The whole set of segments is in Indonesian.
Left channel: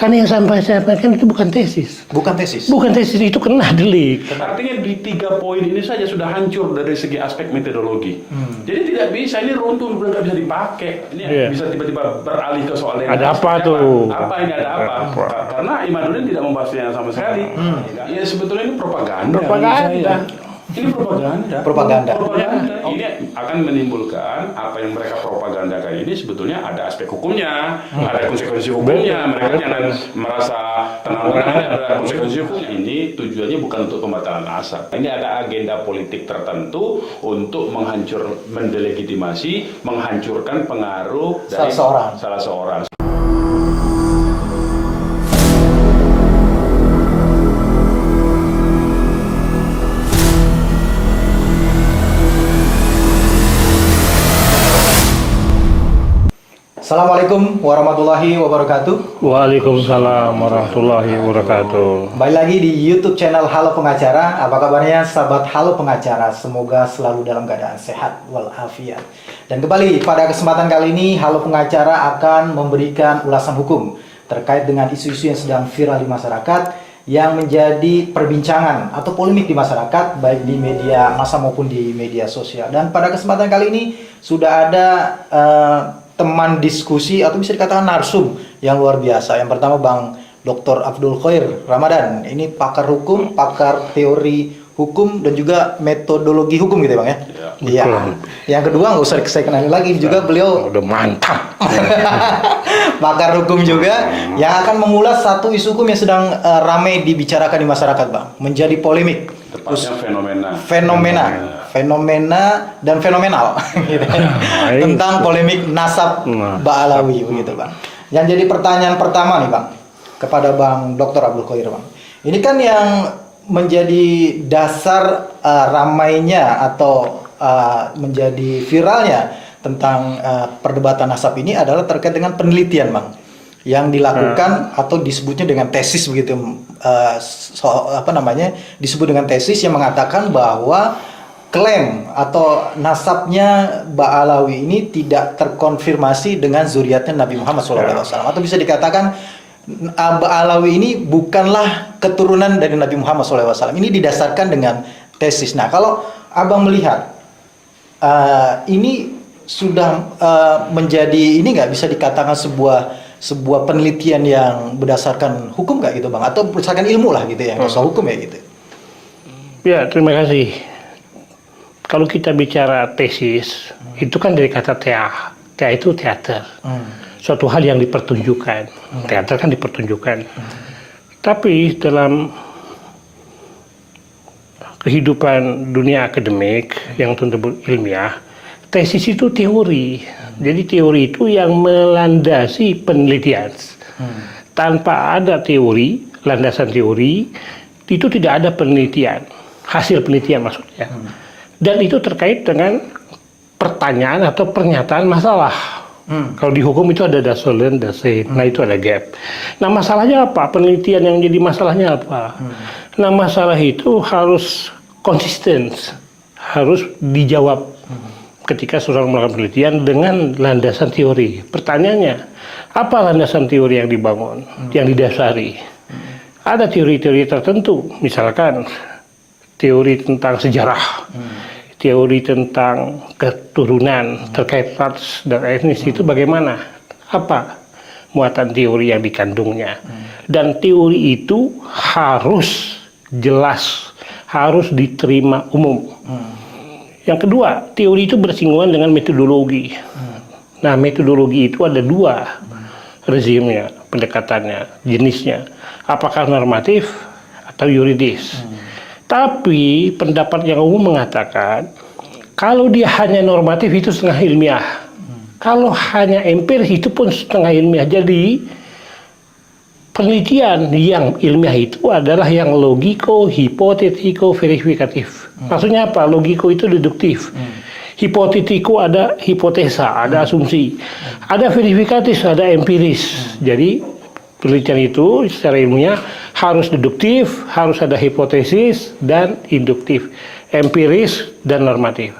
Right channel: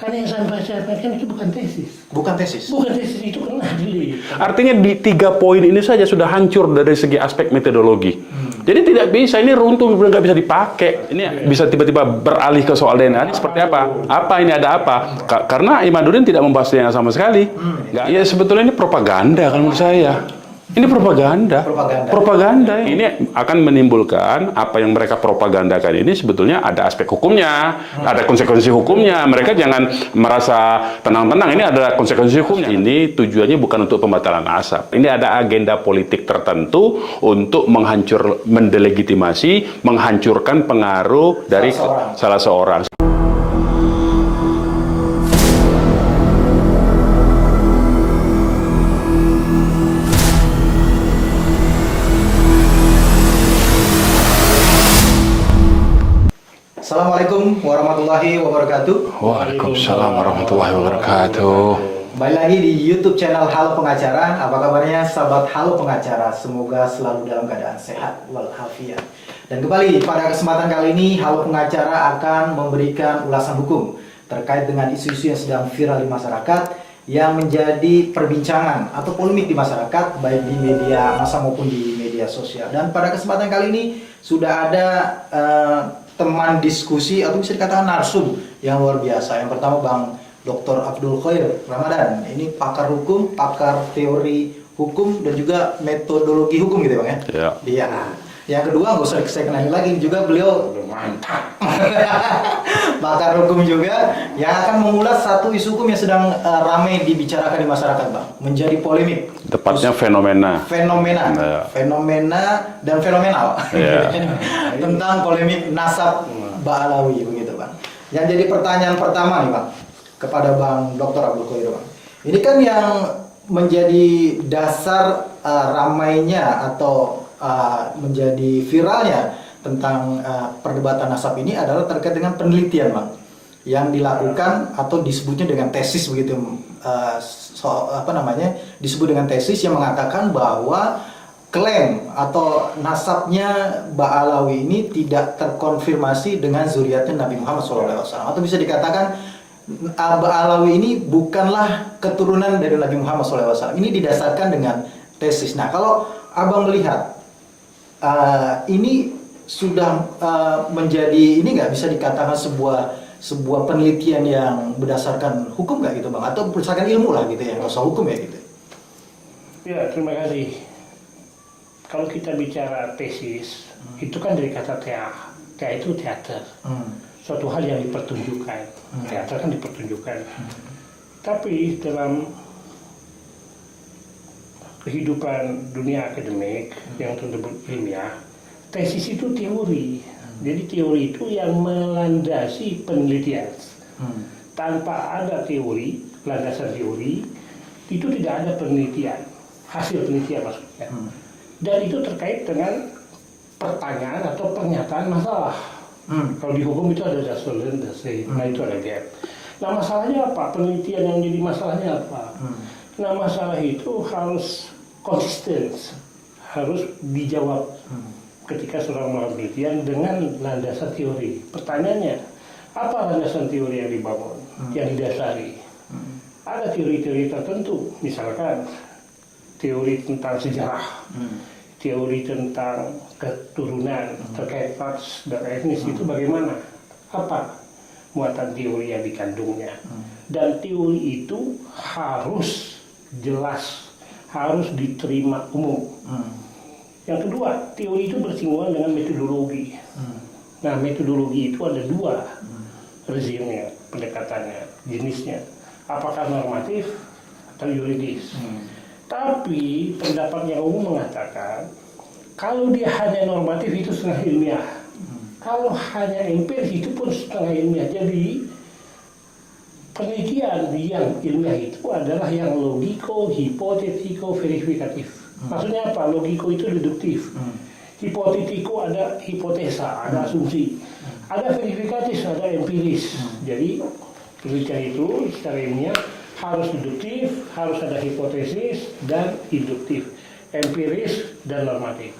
Karena yang saya sampaikan itu bukan tesis. Bukan tesis. Bukan tesis, itu kena delik. Artinya di 3 poin ini saja sudah hancur dari segi aspek metodologi. Jadi tidak bisa, ini runtuh, nggak bisa dipakai. Ini bisa tiba-tiba beralih ke soal DNA. Ada apa tuh? Apa ini, ada apa? Karena Imaduddin tidak membahas DNA sama sekali. Ya sebetulnya ini propaganda menurut saya. Ini propaganda. Propaganda. Ini akan menimbulkan apa yang mereka propagandakan ini sebetulnya ada aspek hukumnya, ada konsekuensi hukumnya. Mereka jangan merasa tenang-tenang, ini ada konsekuensi hukumnya. Ini tujuannya bukan untuk pembatalan asap. Ini ada agenda politik tertentu untuk mendelegitimasi, menghancurkan pengaruh dari salah seorang. Assalamualaikum warahmatullahi wabarakatuh. Waalaikumsalam warahmatullahi wabarakatuh. Kembali lagi di YouTube channel Halo Pengacara. Apa kabarnya sahabat Halo Pengacara? Semoga selalu dalam keadaan sehat walafiat. Dan kembali pada kesempatan kali ini Halo Pengacara akan memberikan ulasan hukum terkait dengan isu-isu yang sedang viral di masyarakat yang menjadi perbincangan atau polemik di masyarakat baik di media massa maupun di media sosial. Dan pada kesempatan kali ini sudah ada teman diskusi atau bisa dikatakan narsum yang luar biasa. Yang pertama Bang Dr. Abdul Khair Ramadan. Ini pakar hukum, pakar teori hukum dan juga metodologi hukum gitu ya Bang ya? Iya. Yang kedua nggak usah saya kenalin lagi, juga beliau Udah mantap. pakar hukum juga yang akan mengulas satu isu hukum yang sedang ramai dibicarakan di masyarakat Bang. Menjadi polemik. Tepatnya fenomena dan fenomenal tentang polemik nasab Ba'alawi begitu Bang. Yang jadi pertanyaan pertama nih Bang kepada Bang Dr. Abdul Khair Bang. Ini kan yang menjadi dasar ramainya atau menjadi viralnya tentang perdebatan nasab ini adalah terkait dengan penelitian Bang yang dilakukan atau disebutnya dengan tesis begitu, disebut dengan tesis yang mengatakan bahwa klaim atau nasabnya Ba'alawi ini tidak terkonfirmasi dengan zuriatnya Nabi Muhammad SAW, atau bisa dikatakan Ba'alawi ini bukanlah keturunan dari Nabi Muhammad SAW. Ini didasarkan dengan tesis. Nah, kalau Abang melihat ini sudah menjadi, ini nggak bisa dikatakan sebuah penelitian yang berdasarkan hukum nggak gitu Bang? Atau berdasarkan ilmu lah gitu ya, nggak usah hukum ya gitu. Ya, terima kasih. Kalau kita bicara tesis, itu kan dari kata tea. Tea itu teater. Suatu hal yang dipertunjukkan. Teater kan dipertunjukkan. Tapi dalam kehidupan dunia akademik yang tentu ilmiah, tesis itu teori. Jadi teori itu yang melandasi penelitian. Tanpa ada teori, landasan teori, itu tidak ada penelitian. Hasil penelitian maksudnya. Dan itu terkait dengan pertanyaan atau pernyataan masalah. Kalau di hukum itu ada dasolen, dase, nah itu ada gap. Nah masalahnya apa? Penelitian yang jadi masalahnya apa? Nah masalah itu harus konsisten, harus dijawab ketika seorang melakukan penelitian dengan landasan teori. Pertanyaannya, apa landasan teori yang dibangun, yang didasari? Ada teori-teori tertentu, misalkan teori tentang sejarah, teori tentang keturunan terkait ras dan etnis itu bagaimana? Apa muatan teori yang dikandungnya? Dan teori itu harus jelas, harus diterima umum. Yang kedua, teori itu bersinggungan dengan metodologi. Nah, metodologi itu ada 2 rezimnya, pendekatannya, jenisnya. Apakah normatif atau yuridis? Tapi pendapat yang umum mengatakan kalau dia hanya normatif itu setengah ilmiah. Kalau hanya empiris itu pun setengah ilmiah. Jadi penelitian yang ilmiah itu adalah yang logiko, hipotetiko, verifikatif. Maksudnya apa? Logiko itu deduktif. Hipotetiko ada hipotesa, ada asumsi. Ada verifikatif, ada empiris. Jadi penelitian itu secara ilmiah harus deduktif, harus ada hipotesis dan induktif, empiris dan normatif.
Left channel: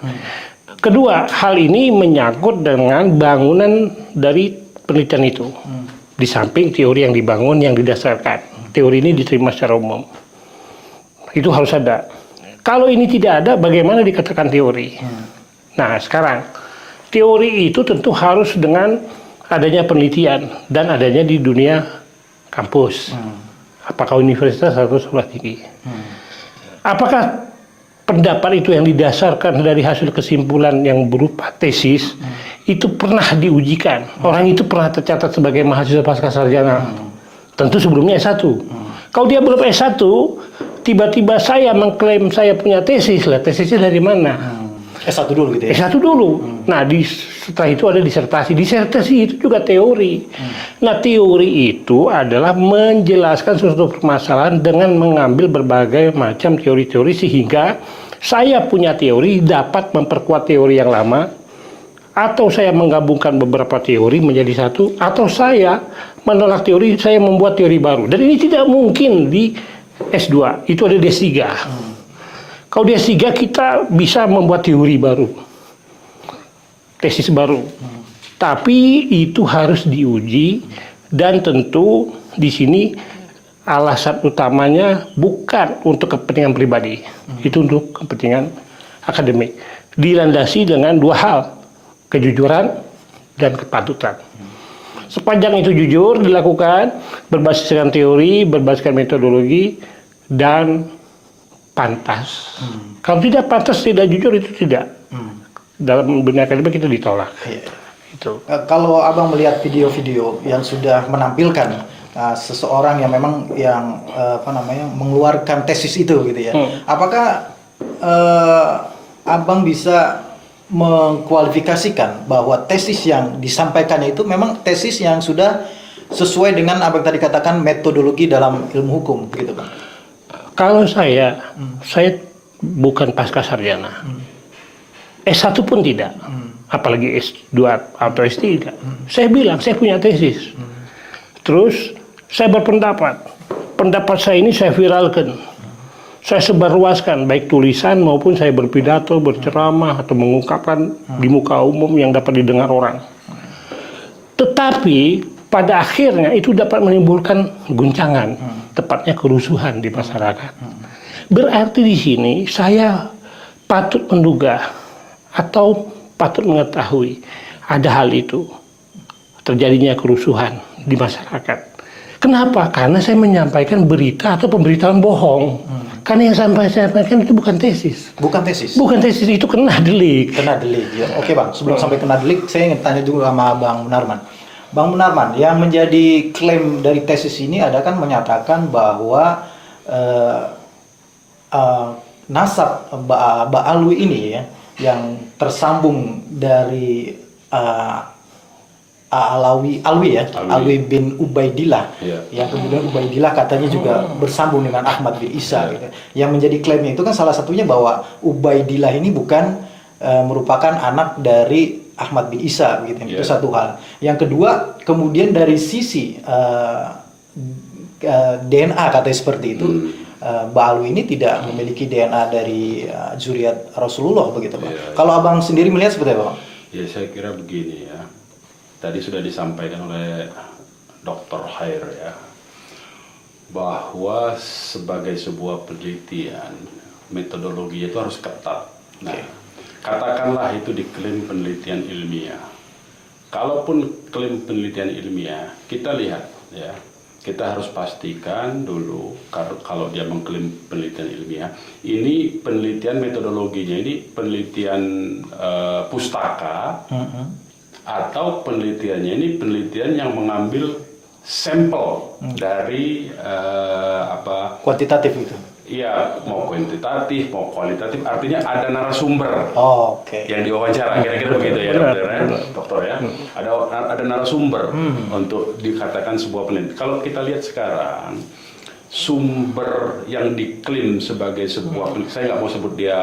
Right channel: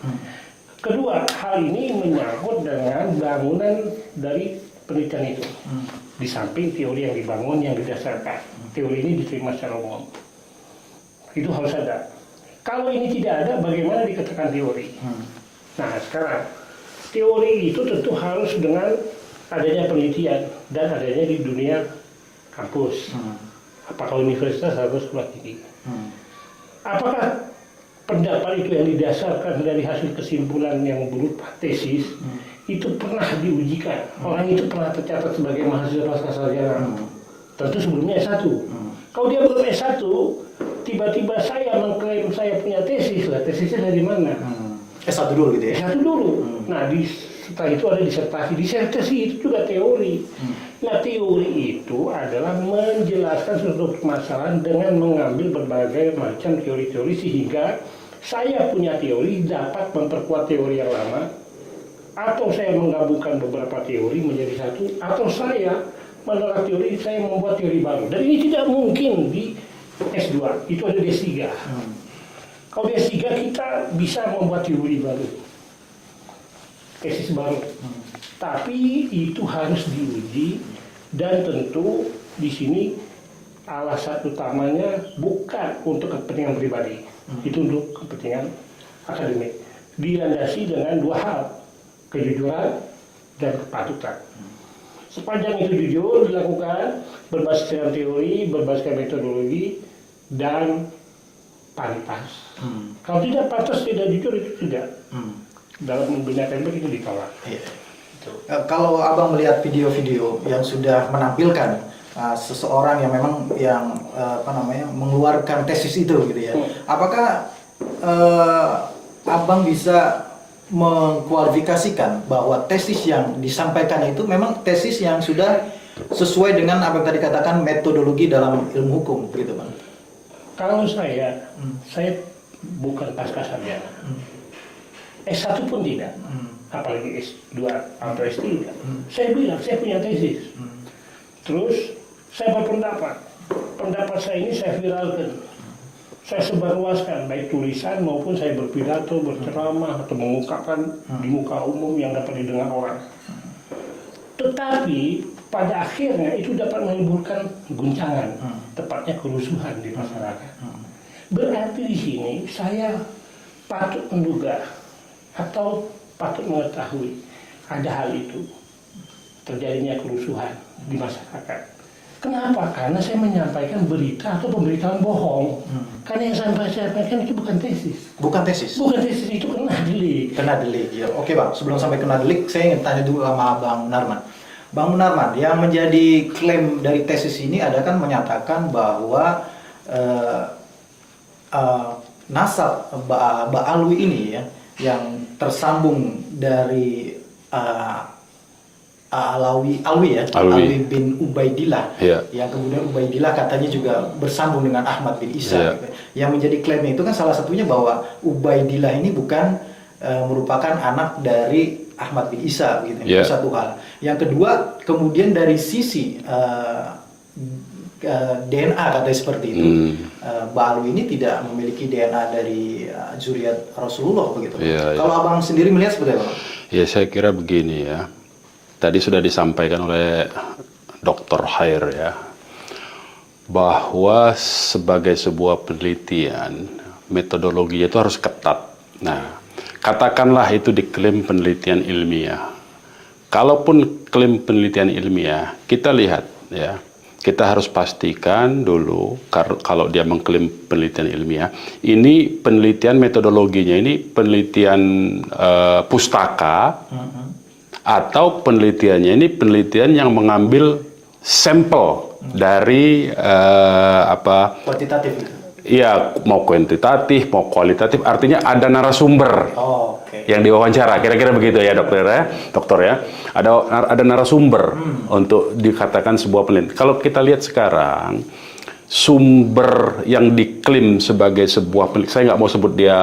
Kedua, hal ini menyangkut dengan bangunan dari penelitian itu. Di samping teori yang dibangun yang didasarkan. Teori ini diterima secara umum. Itu harus ada. Kalau ini tidak ada, bagaimana dikatakan teori? Nah, sekarang teori itu tentu harus dengan adanya penelitian dan adanya di dunia kampus. Apakah universitas atau sekolah tinggi? Apakah pendapat itu yang didasarkan dari hasil kesimpulan yang berupa tesis itu pernah diujikan? Orang itu pernah tercatat sebagai mahasiswa pasca sarjana. Tentu sebelumnya S1. Kalau dia belum S1, tiba-tiba saya mengklaim saya punya tesis lah. Tesisnya dari mana? S1 dulu gitu ya? S1 dulu. Nah, setelah itu ada disertasi. Disertasi itu juga teori. Nah, teori itu adalah menjelaskan suatu permasalahan dengan mengambil berbagai macam teori-teori sehingga saya punya teori dapat memperkuat teori yang lama, atau saya menggabungkan beberapa teori menjadi satu, atau saya menolak teori, saya membuat teori baru. Dan ini tidak mungkin di S2, itu ada D3. Kalau di S3 kita bisa membuat teori baru, tesis baru. Tapi itu harus diuji dan tentu di sini alasan utamanya bukan untuk kepentingan pribadi, itu untuk kepentingan akademik. Dilandasi dengan dua hal, kejujuran dan kepatutan. Sepanjang itu jujur dilakukan, berbasiskan teori, berbasiskan metodologi, dan pantas. Kalau tidak pantas, tidak jujur, itu tidak. Dalam dunia akademik itu ditolak. Itu. Kalau abang melihat video-video yang sudah menampilkan seseorang yang memang mengeluarkan tesis itu gitu ya, apakah abang bisa mengkualifikasikan bahwa tesis yang disampaikannya itu memang tesis yang sudah sesuai dengan apa yang tadi katakan metodologi dalam ilmu hukum gitu Bang? Kalau saya bukan pasca sarjana. S1 pun tidak. Apalagi S2 atau S3. Saya bilang saya punya tesis. Terus saya berpendapat. Pendapat saya ini saya viralkan. Saya sebarluaskan, baik tulisan maupun saya berpidato, berceramah, atau mengungkapkan di muka umum yang dapat didengar orang. Tetapi pada akhirnya itu dapat menimbulkan guncangan, tepatnya kerusuhan di masyarakat. Berarti di sini saya patut menduga atau patut mengetahui ada hal itu, terjadinya kerusuhan di masyarakat. Kenapa? Karena saya menyampaikan berita atau pemberitaan bohong. Karena yang saya sampaikan itu bukan tesis. Bukan tesis? Bukan tesis, itu kena delik. Kena delik, ya. Oke Bang, sebelum sampai kena delik, saya ingin tanya dulu sama Bang Munarman. Bang Munarman, yang menjadi klaim dari tesis ini ada kan menyatakan bahwa nasab Mbak Alwi ini ya, yang tersambung dari Alwi bin Ubaidillah, yang kemudian Ubaidillah katanya juga bersambung dengan Ahmad bin Isa. Gitu. Yang menjadi klaimnya itu kan salah satunya bahwa Ubaidillah ini bukan merupakan anak dari Ahmad bin Isa, gitu. Itu satu hal. Yang kedua, kemudian dari sisi DNA katanya seperti itu, Mbak Alwi ini tidak memiliki DNA dari zuriat Rasulullah, begitu. Kalau abang sendiri melihat seperti apa, Bang? Ya, saya kira begini ya. Tadi sudah disampaikan oleh Dr. Khair ya, bahwa sebagai sebuah penelitian, metodologinya itu harus ketat. Nah, katakanlah itu diklaim penelitian ilmiah. Kalaupun klaim penelitian ilmiah, kita lihat ya, kita harus pastikan dulu kalau dia mengklaim penelitian ilmiah, ini penelitian metodologinya, ini penelitian pustaka, atau penelitiannya ini penelitian yang mengambil sampel dari kuantitatif itu. Iya, mau kuantitatif, mau kualitatif, artinya ada narasumber yang diwawancara, kira-kira begitu ya dokter ya. Ada narasumber untuk dikatakan sebuah penelitian. Kalau kita lihat sekarang, sumber yang diklaim sebagai sebuah penelitian, saya nggak mau sebut dia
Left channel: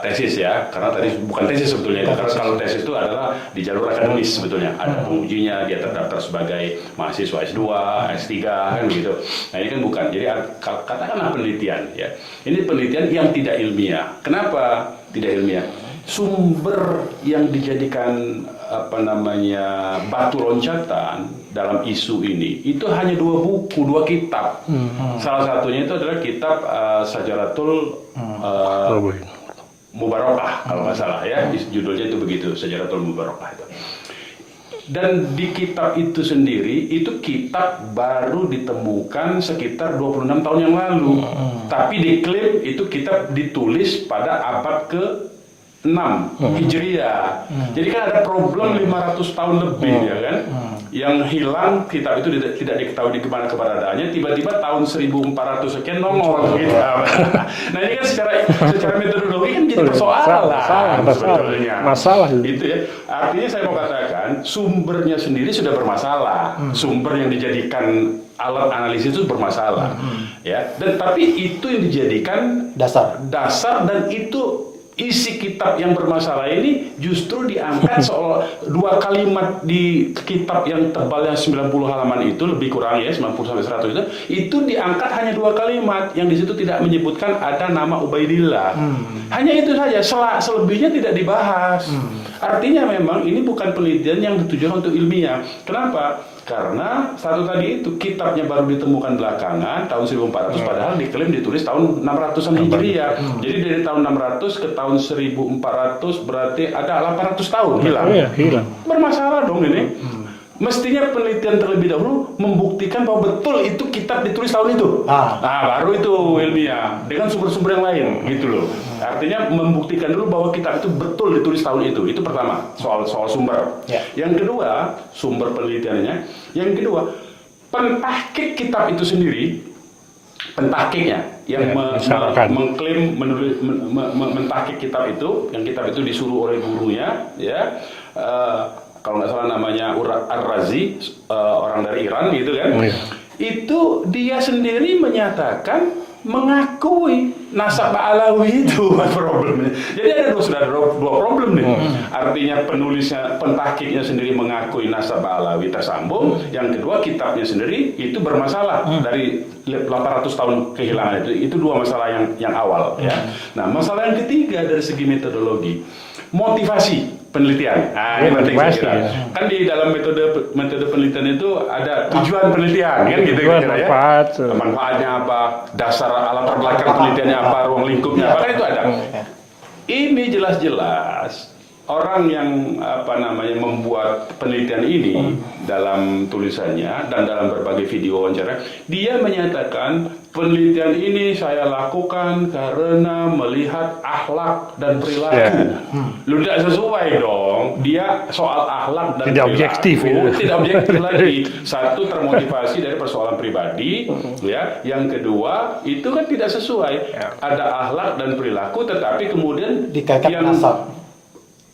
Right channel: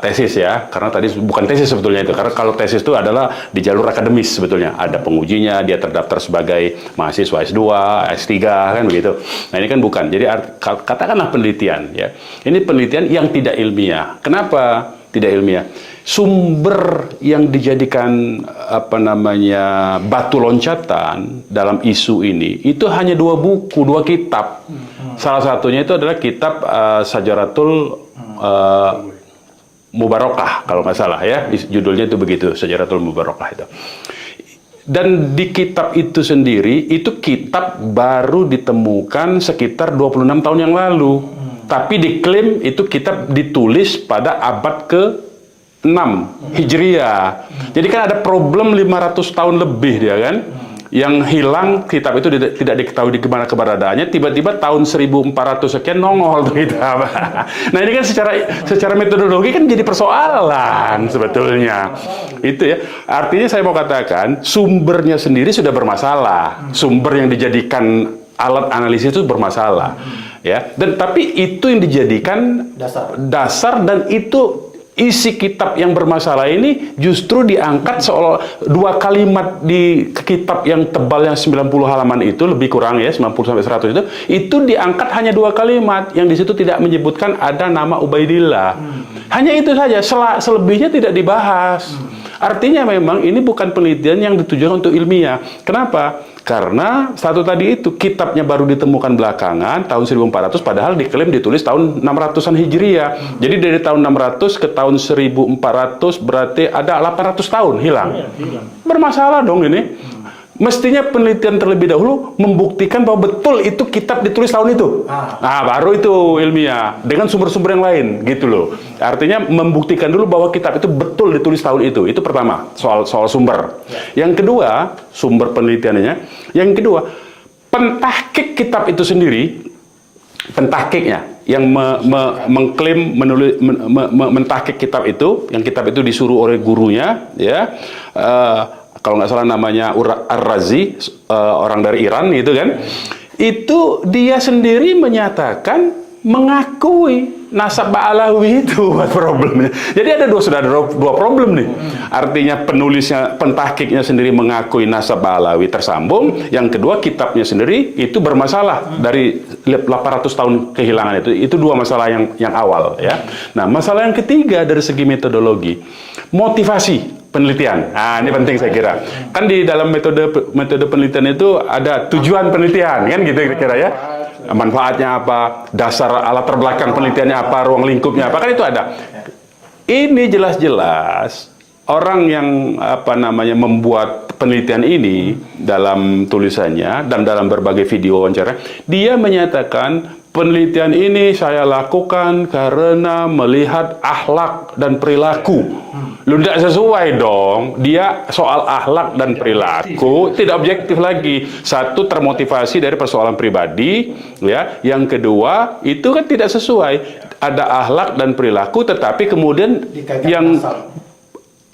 tesis ya, karena tadi bukan tesis sebetulnya itu, karena kalau tesis itu adalah di jalur akademis sebetulnya, ada pengujinya, dia terdaftar sebagai mahasiswa S2, S3 kan begitu. Nah ini kan bukan, jadi katakanlah penelitian ya, ini penelitian yang tidak ilmiah. Kenapa tidak ilmiah? sumber yang dijadikan batu loncatan dalam isu ini itu hanya 2 buku, 2 kitab. Salah satunya itu adalah kitab Syajaratul Mubarakah kalau nggak salah ya, judulnya itu begitu, Syajaratul Mubarakah itu. Dan di kitab itu sendiri, itu kitab baru ditemukan sekitar 26 tahun yang lalu. Tapi diklaim itu kitab ditulis pada abad ke-6 Hijriah. Jadi kan ada problem 500 tahun lebih dia kan. Yang hilang kitab itu tidak diketahui di mana keberadaannya, tiba-tiba tahun 1400 sekian nongol kitab. Nah ini kan secara metodologi kan jadi persoalan sebetulnya. Masalah. Itu ya. Artinya saya mau katakan sumbernya sendiri sudah bermasalah. Sumber yang dijadikan alat analisis itu bermasalah. Ya. Dan tapi itu yang dijadikan dasar dan itu isi kitab yang bermasalah ini justru diangkat seolah 2 kalimat di kitab yang tebalnya 90 halaman itu, lebih kurang ya 90 sampai 100 itu diangkat hanya 2 kalimat yang di situ tidak menyebutkan ada nama Ubaidillah. Hanya itu saja, selebihnya tidak dibahas. Artinya memang ini bukan penelitian yang ditujukan untuk ilmiah. Kenapa? Karena satu tadi itu kitabnya baru ditemukan belakangan tahun 1400 padahal diklaim ditulis tahun 600-an Hijriah. Jadi dari tahun 600 ke tahun 1400 berarti ada 800 tahun hilang. Hilang. Bermasalah dong ini. Mestinya penelitian terlebih dahulu membuktikan bahwa betul itu kitab ditulis tahun itu. Nah, baru itu ilmiah dengan sumber-sumber yang lain gitu loh. Artinya membuktikan dulu bahwa kitab itu betul ditulis tahun itu. Itu pertama, soal sumber. Yang kedua, sumber penelitiannya. Yang kedua, pentahkik kitab itu sendiri, pentahkiknya yang mengklaim mentahkik kitab itu, yang kitab itu disuruh oleh gurunya ya. Kalau nggak salah namanya Ar-Razi, orang dari Iran gitu kan. Itu dia sendiri menyatakan mengakui nasab Ba'alawi itu problemnya. Jadi ada dua problem nih. Artinya penulisnya, pentahkiknya sendiri mengakui nasab Ba'alawi tersambung. Yang kedua kitabnya sendiri itu bermasalah dari 800 tahun kehilangan itu. Itu 2 masalah yang awal ya. Nah, masalah yang ketiga dari segi metodologi, motivasi penelitian. Nah, ini penting saya kira. Kan di dalam metode penelitian itu ada tujuan penelitian, kan gitu kira-kira ya. Manfaatnya apa, dasar alat terbelakang penelitiannya apa, ruang lingkupnya apa, kan itu ada. Ini jelas-jelas orang yang membuat penelitian ini dalam tulisannya dan dalam berbagai video wawancara, dia menyatakan penelitian ini saya lakukan karena melihat akhlak dan perilaku. Lu tidak sesuai dong. Dia soal akhlak dan tidak perilaku tidak objektif lagi. Satu, termotivasi dari persoalan pribadi, ya. Yang kedua, itu kan tidak sesuai. Ada akhlak dan perilaku, tetapi kemudian dikaitkan yang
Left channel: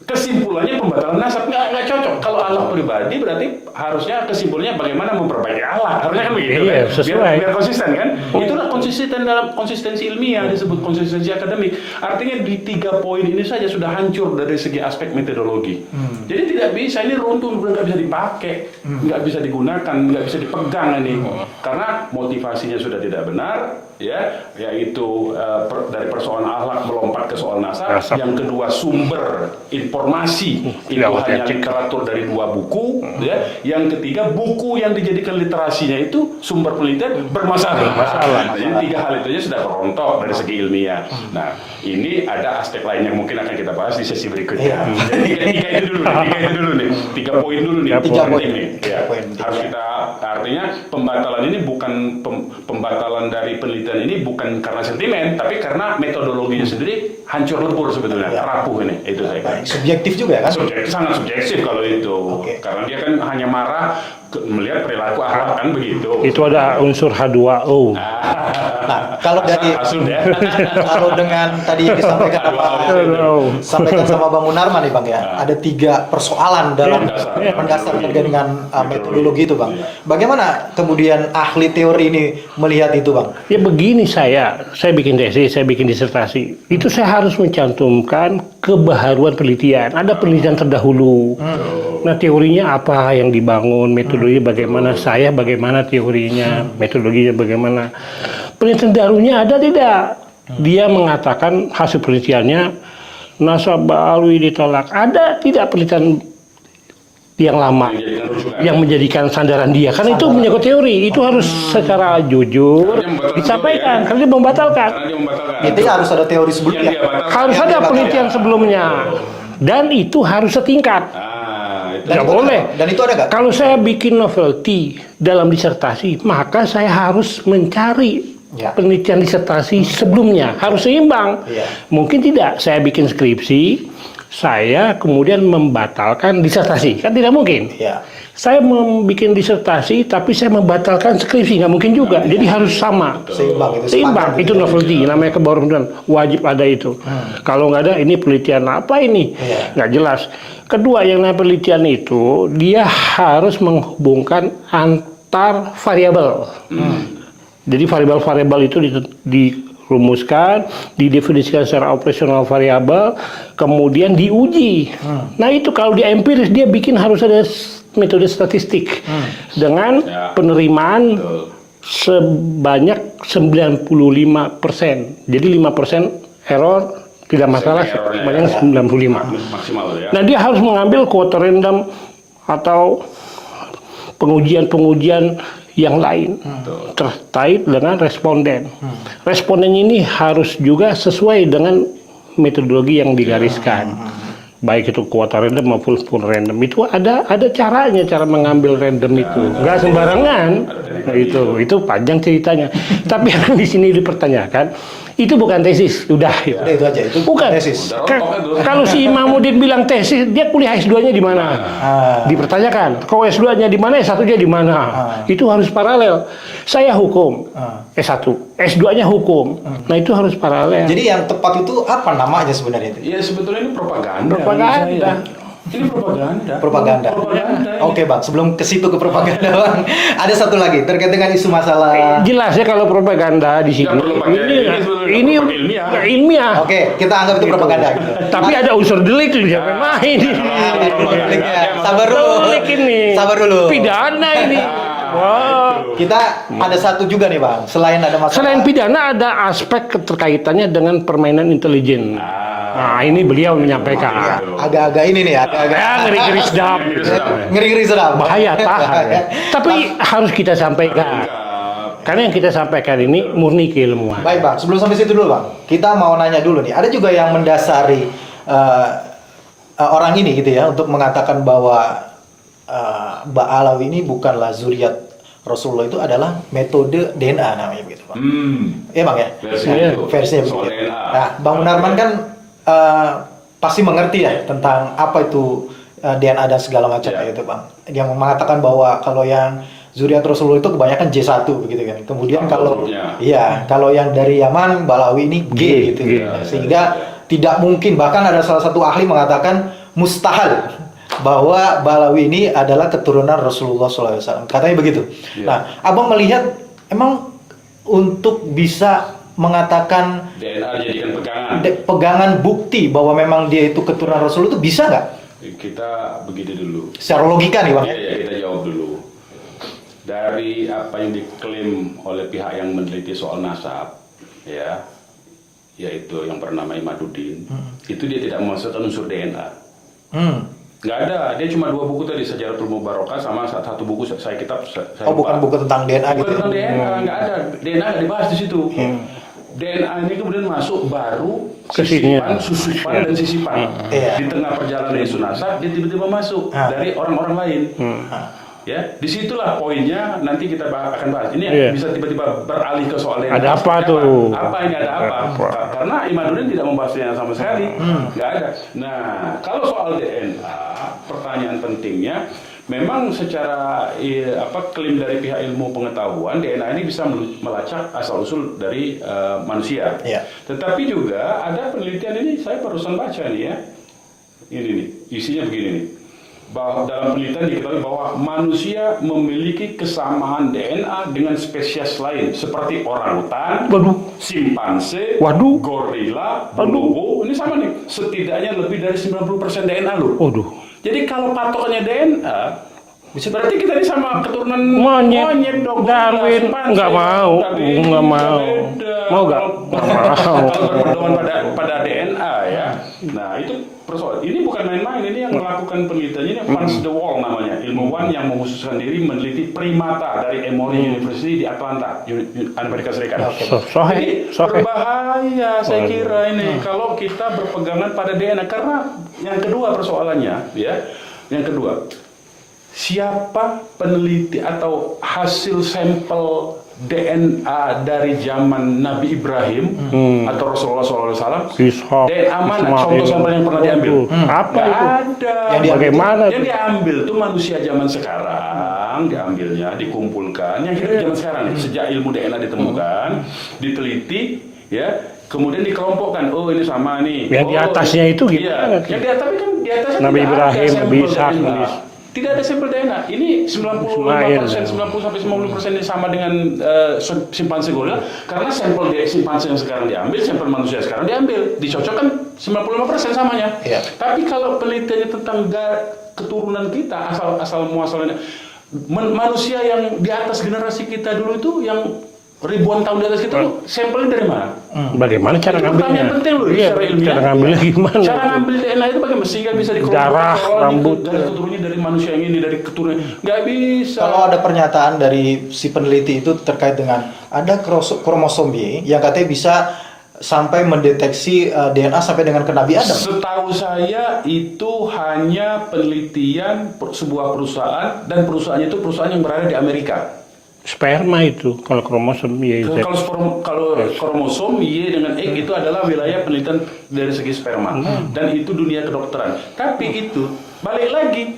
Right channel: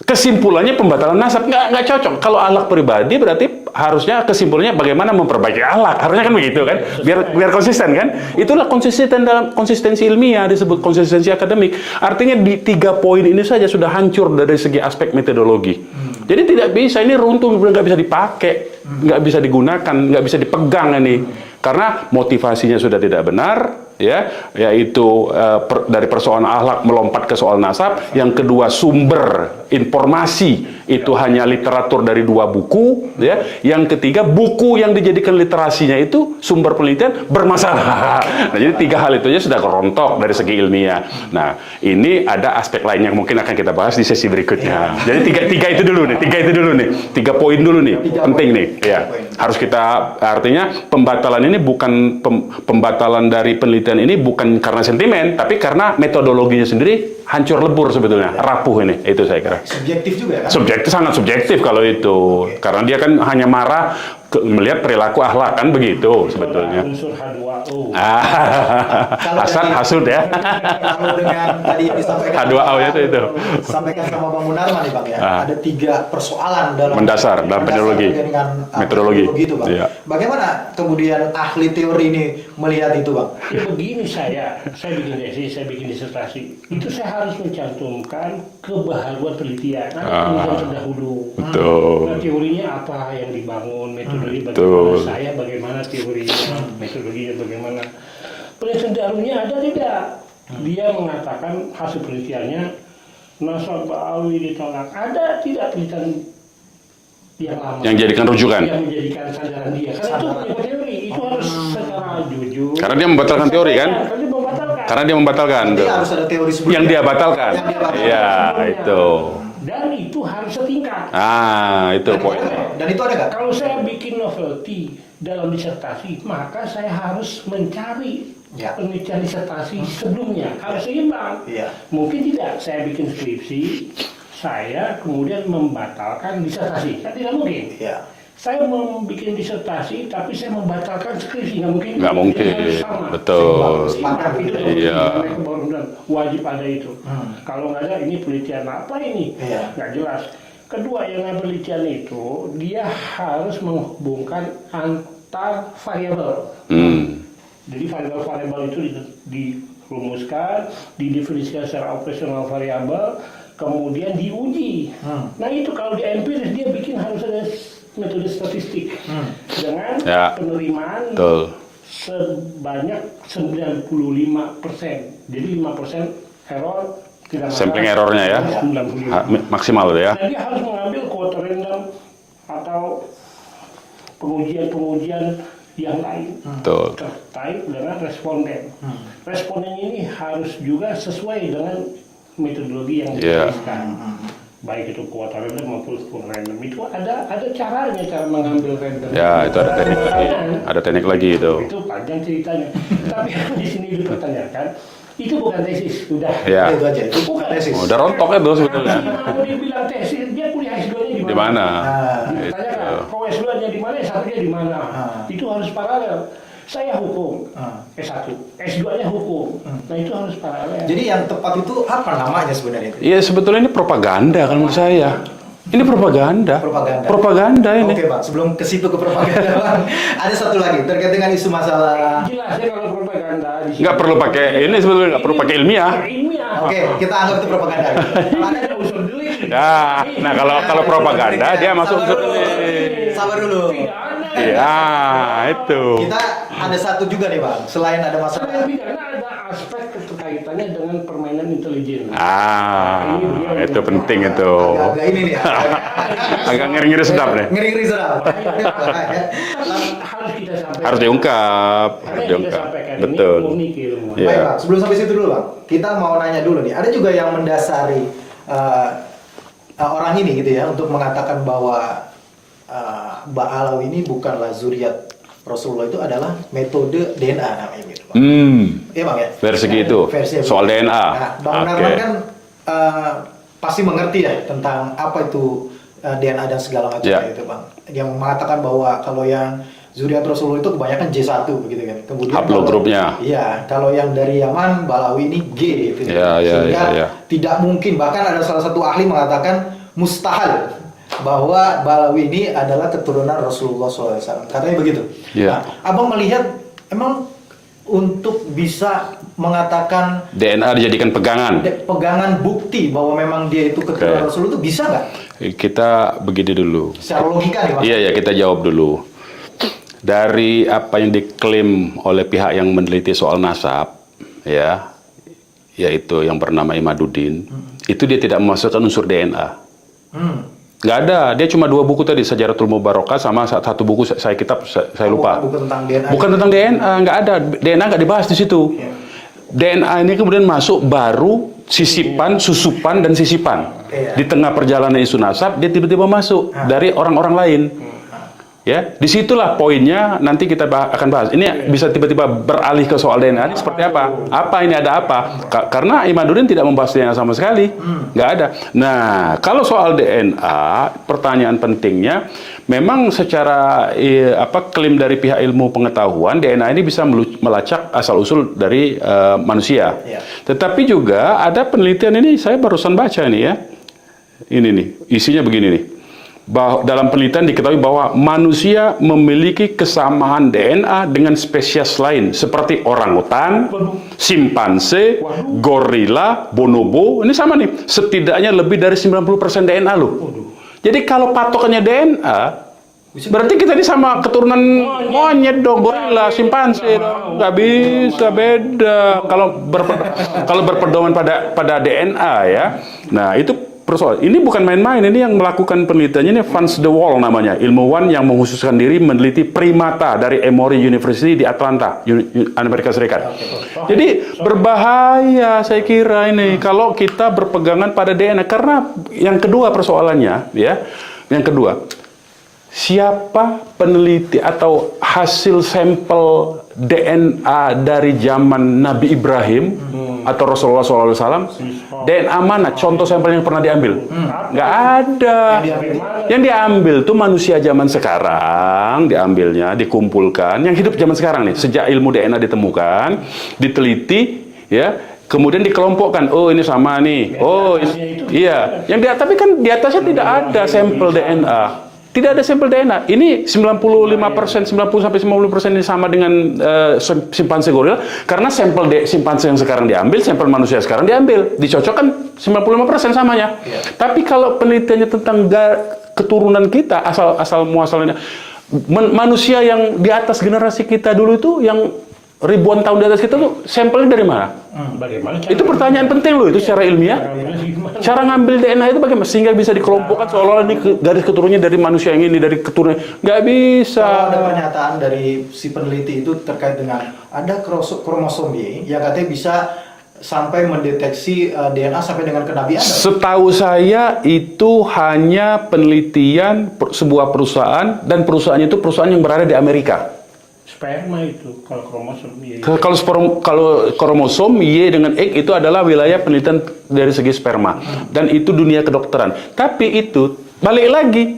kesimpulannya pembatalan nasab, nggak cocok. Kalau akhlak pribadi berarti harusnya kesimpulannya bagaimana memperbaiki akhlak, harusnya kan begitu kan, biar konsisten kan. Itulah konsisten dalam konsistensi ilmiah, disebut konsistensi akademik. Artinya di 3 poin ini saja sudah hancur dari segi aspek metodologi. Jadi tidak bisa, ini runtuh, nggak bisa dipakai, nggak bisa digunakan, nggak bisa dipegang ini, karena motivasinya sudah tidak benar. Ya, yaitu dari persoalan akhlak melompat ke soal nasab. Yang kedua, sumber informasi itu hanya literatur dari 2 buku. Ya, yang ketiga, buku yang dijadikan literasinya itu sumber penelitian bermasalah. Nah, jadi 3 hal itu aja sudah kerontok dari segi ilmiah. Nah, ini ada aspek lain yang mungkin akan kita bahas di sesi berikutnya. Jadi tiga itu dulu nih, 3 poin dulu nih, penting nih. Ya, harus kita, artinya pembatalan ini bukan pembatalan dari penelitian ini bukan karena sentimen, tapi karena metodologinya sendiri hancur lebur sebetulnya, rapuh ini. Itu saya kira. Subjektif juga kan? Subjektif, sangat subjektif kalau itu. Karena dia kan hanya marah melihat perilaku akhlak kan begitu. Itu ada unsur H2O. Kalau dari hasil ya. Kalau dengan tadi yang disampaikan sampaikan sama Bang Munarman nih Bang ya, ada 3 persoalan dalam dasar metodologi. Dengan metodologi itu Bang. Bagaimana kemudian ahli teori ini melihat itu Bang? Ya begini, saya bikin tesis, saya bikin disertasi. Itu saya harus mencantumkan kebaharuan penelitian. Ada penelitian terdahulu. Nah, teorinya apa yang dibangun, metodologi bagaimana, saya bagaimana teorinya, metodologinya bagaimana. Penelitian darunya ada tidak? Dia mengatakan hasil penelitiannya nasabah alwi ditolak. Ada tidak penelitian yang lama Yang jadikan rujukan. yang menjadikan sandaran dia? Karena itu menyangkut teori, itu harus secara jujur. Karena dia membatalkan teori kan? Karena dia membatalkan. Karena dia membatalkan. Itu harus ada teori sebelumnya. Yang dia batalkan. Harus ada penelitian Ya, sebelumnya. itu. Dan itu harus setingkat. Itu. Tidak boleh. Dan itu ada nggak? Kalau saya bikin novelty dalam disertasi, maka saya harus mencari penelitian disertasi sebelumnya. Harus seimbang. Iya. Mungkin tidak. Saya bikin skripsi, saya kemudian membatalkan disertasi. Kan tidak mungkin. Iya. Saya membuat disertasi, tapi saya membatalkan skripsi. Nggak mungkin juga. Nggak Jadi mungkin. harus sama. Betul. Seimbang. Itu novelty. Iya. Namanya kebaruan. Wajib ada itu. Kalau nggak ada, ini penelitian apa ini? Iya. Nggak jelas. Kedua, yang namanya penelitian itu, dia harus menghubungkan antar variabel. Jadi variabel-variabel itu dirumuskan, didefinisikan secara operasional variabel, kemudian diuji. Nah itu kalau di empiris dia bikin harus ada metode statistik dengan penerimaan sebanyak 95%. Jadi 5% error tidak masalah. Errornya ya. 95. Maksimal ya. Nah dia harus mengambil quote random atau pengujian-pengujian yang lain terkait dengan responden. Responden ini harus juga sesuai dengan metodologi yang digariskan. Baik itu kuota random maupun full random. Itu ada caranya, cara mengambil random itu. Nggak sembarangan. Ada teknik lagi itu. Itu panjang ceritanya. Tapi yang di sini dipertanyakan, itu bukan tesis, udah. Itu aja. Itu Bukan tesis. Udah rontok itu. Kalau si Imamuddin bilang tesis, dia kuliah S2-nya di mana? Dipertanyakan. Kau S2-nya di mana, S1-nya di mana? Itu harus paralel. Saya hukum, S1, S2-nya hukum. Nah itu harus paralel. Jadi yang tepat itu apa namanya sebenarnya? Iya sebetulnya ini propaganda menurut saya. Ini propaganda. Propaganda ini. Oke bang, sebelum ke situ ke propaganda bang, ada satu lagi terkait dengan isu masalah. Jelas ya kalau propaganda di sini. Nggak perlu pakai ini sebetulnya nggak perlu pakai ilmiah. Ilmiah. Oke, kita anggap itu propaganda. Tapi ada unsur delik di main. Nah kalau propaganda dia masuk Sabar dulu. delik ini. Sabar dulu. Pidana ini. itu. Kita ada satu juga nih bang, selain ada masalah. Selain pidana ada aspek keterkaitannya dengan permainan intelijen. Nah ini beliau itu menyampaikan. penting itu. Agak-agak ini nih ya. Ngeri-ngeri sedap. Ngeri-ngeri sedap nih. Ngeri-ngeri sedap. Bahaya tapi harus kita sampaikan. Harus diungkap. Karena yang kita sampaikan ini Betul. murni keilmuan. Baik bang, sebelum sampai situ dulu bang, kita mau nanya dulu nih. Ada juga yang mendasari orang ini gitu ya untuk mengatakan bahwa Mbak Alawi ini bukanlah zuriat Rasulullah, itu adalah metode DNA namanya gitu bang. Iya bang ya. Versi gitu. Versinya Soal begitu. DNA. Nah, Bang Munarman kan pasti mengerti ya tentang apa itu DNA dan segala macam itu bang. Yang mengatakan bahwa kalau yang zuriat Rasulullah itu kebanyakan J1 begitu kan. Kemudian kalau yang dari Yaman Balawi ini G gitu. Sehingga tidak mungkin, bahkan ada salah satu ahli mengatakan mustahil bahwa Balawi ini adalah keturunan Rasulullah SAW. Katanya begitu. Nah, abang melihat emang untuk bisa mengatakan DNA dijadikan pegangan bukti bahwa memang dia itu keturunan Rasul itu bisa nggak? Kita begini dulu. Secara logika nih bang. Iya kita jawab dulu. Dari apa yang diklaim oleh pihak yang meneliti soal nasab, yaitu yang bernama Imaduddin, itu dia tidak memasukkan unsur DNA. Nggak ada, dia cuma 2 buku tadi, Sejaratul Mubarakah sama satu buku saya lupa. Bukan tentang DNA. Bukan tentang DNA, nggak ada. DNA nggak dibahas di situ. DNA ini kemudian masuk baru sisipan, susupan dan sisipan. Di tengah perjalanan isu nasab dia tiba-tiba masuk dari orang-orang lain. Ya, disitulah poinnya nanti kita akan bahas. Ini bisa tiba-tiba beralih ke soal DNA. Ada apa? Apa ini ada apa? Karena Imaduddin tidak membahas DNA sama sekali, nggak ada. Nah, kalau soal DNA, pertanyaan pentingnya, memang secara klaim dari pihak ilmu pengetahuan DNA ini bisa melacak asal usul dari manusia. Tetapi juga ada penelitian ini, saya barusan baca nih ya. Ini nih, isinya begini nih. Dalam penelitian diketahui bahwa manusia memiliki kesamaan DNA dengan spesies lain seperti orangutan, simpanse, gorila, bonobo. Ini sama nih, setidaknya lebih dari 90% DNA loh. Jadi kalau patokannya DNA, Berarti kita ini sama keturunan monyet dong, gorila, simpanse. Nggak mau. Nggak bisa, beda. Mau Kalau kalau berpedoman pada DNA ya. Nah, itu persoalan. Ini bukan main-main, ini yang melakukan penelitiannya ini Vance de Waal namanya, ilmuwan yang mengkhususkan diri meneliti primata dari Emory University di Atlanta, Amerika Serikat. Jadi berbahaya saya kira ini kalau kita berpegangan pada DNA, karena yang kedua persoalannya ya, yang kedua, siapa peneliti atau hasil sampel DNA dari zaman Nabi Ibrahim atau Rasulullah SAW? DNA mana? Contoh sampel yang pernah diambil? Nggak ada. Bagaimana? Yang diambil tuh manusia zaman sekarang, diambilnya, dikumpulkan. Yang hidup zaman sekarang nih, sejak ilmu DNA ditemukan, diteliti, ya. Kemudian dikelompokkan, oh ini sama nih. Yang di atasnya itu iya. Tapi kan di atasnya Nabi tidak ada Ibrahim, sampel Nabi Ishak, DNA. Tidak ada sampel DNA. Ini 95%, 90-90% ini sama dengan simpanse gorila. Karena sampel simpanse yang sekarang diambil, sampel manusia sekarang diambil. Dicocokkan 95% samanya. Iya. Tapi kalau penelitiannya tentang keturunan kita, asal muasalnya, manusia yang di atas generasi kita dulu itu, yang ribuan tahun di atas kita, lu sampelnya dari mana? Bagaimana cara Itu pertanyaan penting loh, secara ilmiah. Cara ngambilnya gimana? Cara ngambil DNA itu bagaimana? Sehingga bisa dikelompokkan kalau ini garis keturunannya dari manusia yang ini, dari keturunan. Nggak bisa. Kalau ada pernyataan dari si peneliti itu terkait dengan ada kromosom Y yang katanya bisa sampai mendeteksi DNA sampai dengan ke Nabi Adam. Setahu saya itu hanya penelitian sebuah perusahaan, dan perusahaannya itu perusahaan yang berada di Amerika. Sperma itu, kalau kromosom Y. Kalau kromosom Y dengan X itu adalah wilayah penelitian dari segi sperma, dan itu dunia kedokteran. Tapi itu balik lagi,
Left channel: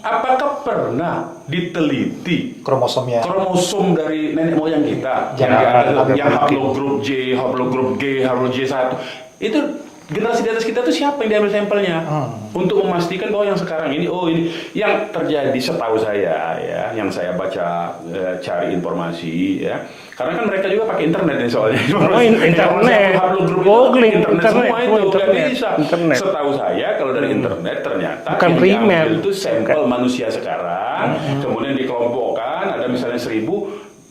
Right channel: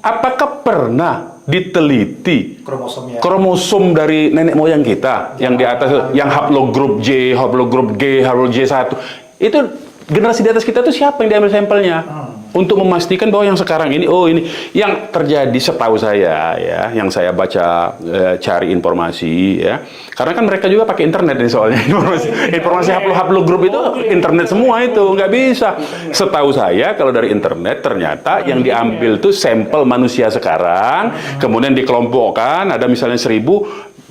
apakah pernah diteliti Kromosomnya. kromosom dari nenek moyang kita yang di atas, yang haplogrup J, haplogrup G, haplogrup J1 itu? Generasi di atas kita itu siapa yang diambil sampelnya untuk memastikan bahwa yang sekarang ini, oh ini yang terjadi setahu saya ya, yang saya baca cari informasi ya, karena kan mereka juga pakai internet ini soalnya informasi haplogrup itu internet semua itu nggak bisa. Setahu saya kalau dari internet ternyata yang diambil itu sampel manusia sekarang, kemudian dikelompokkan, ada misalnya 1000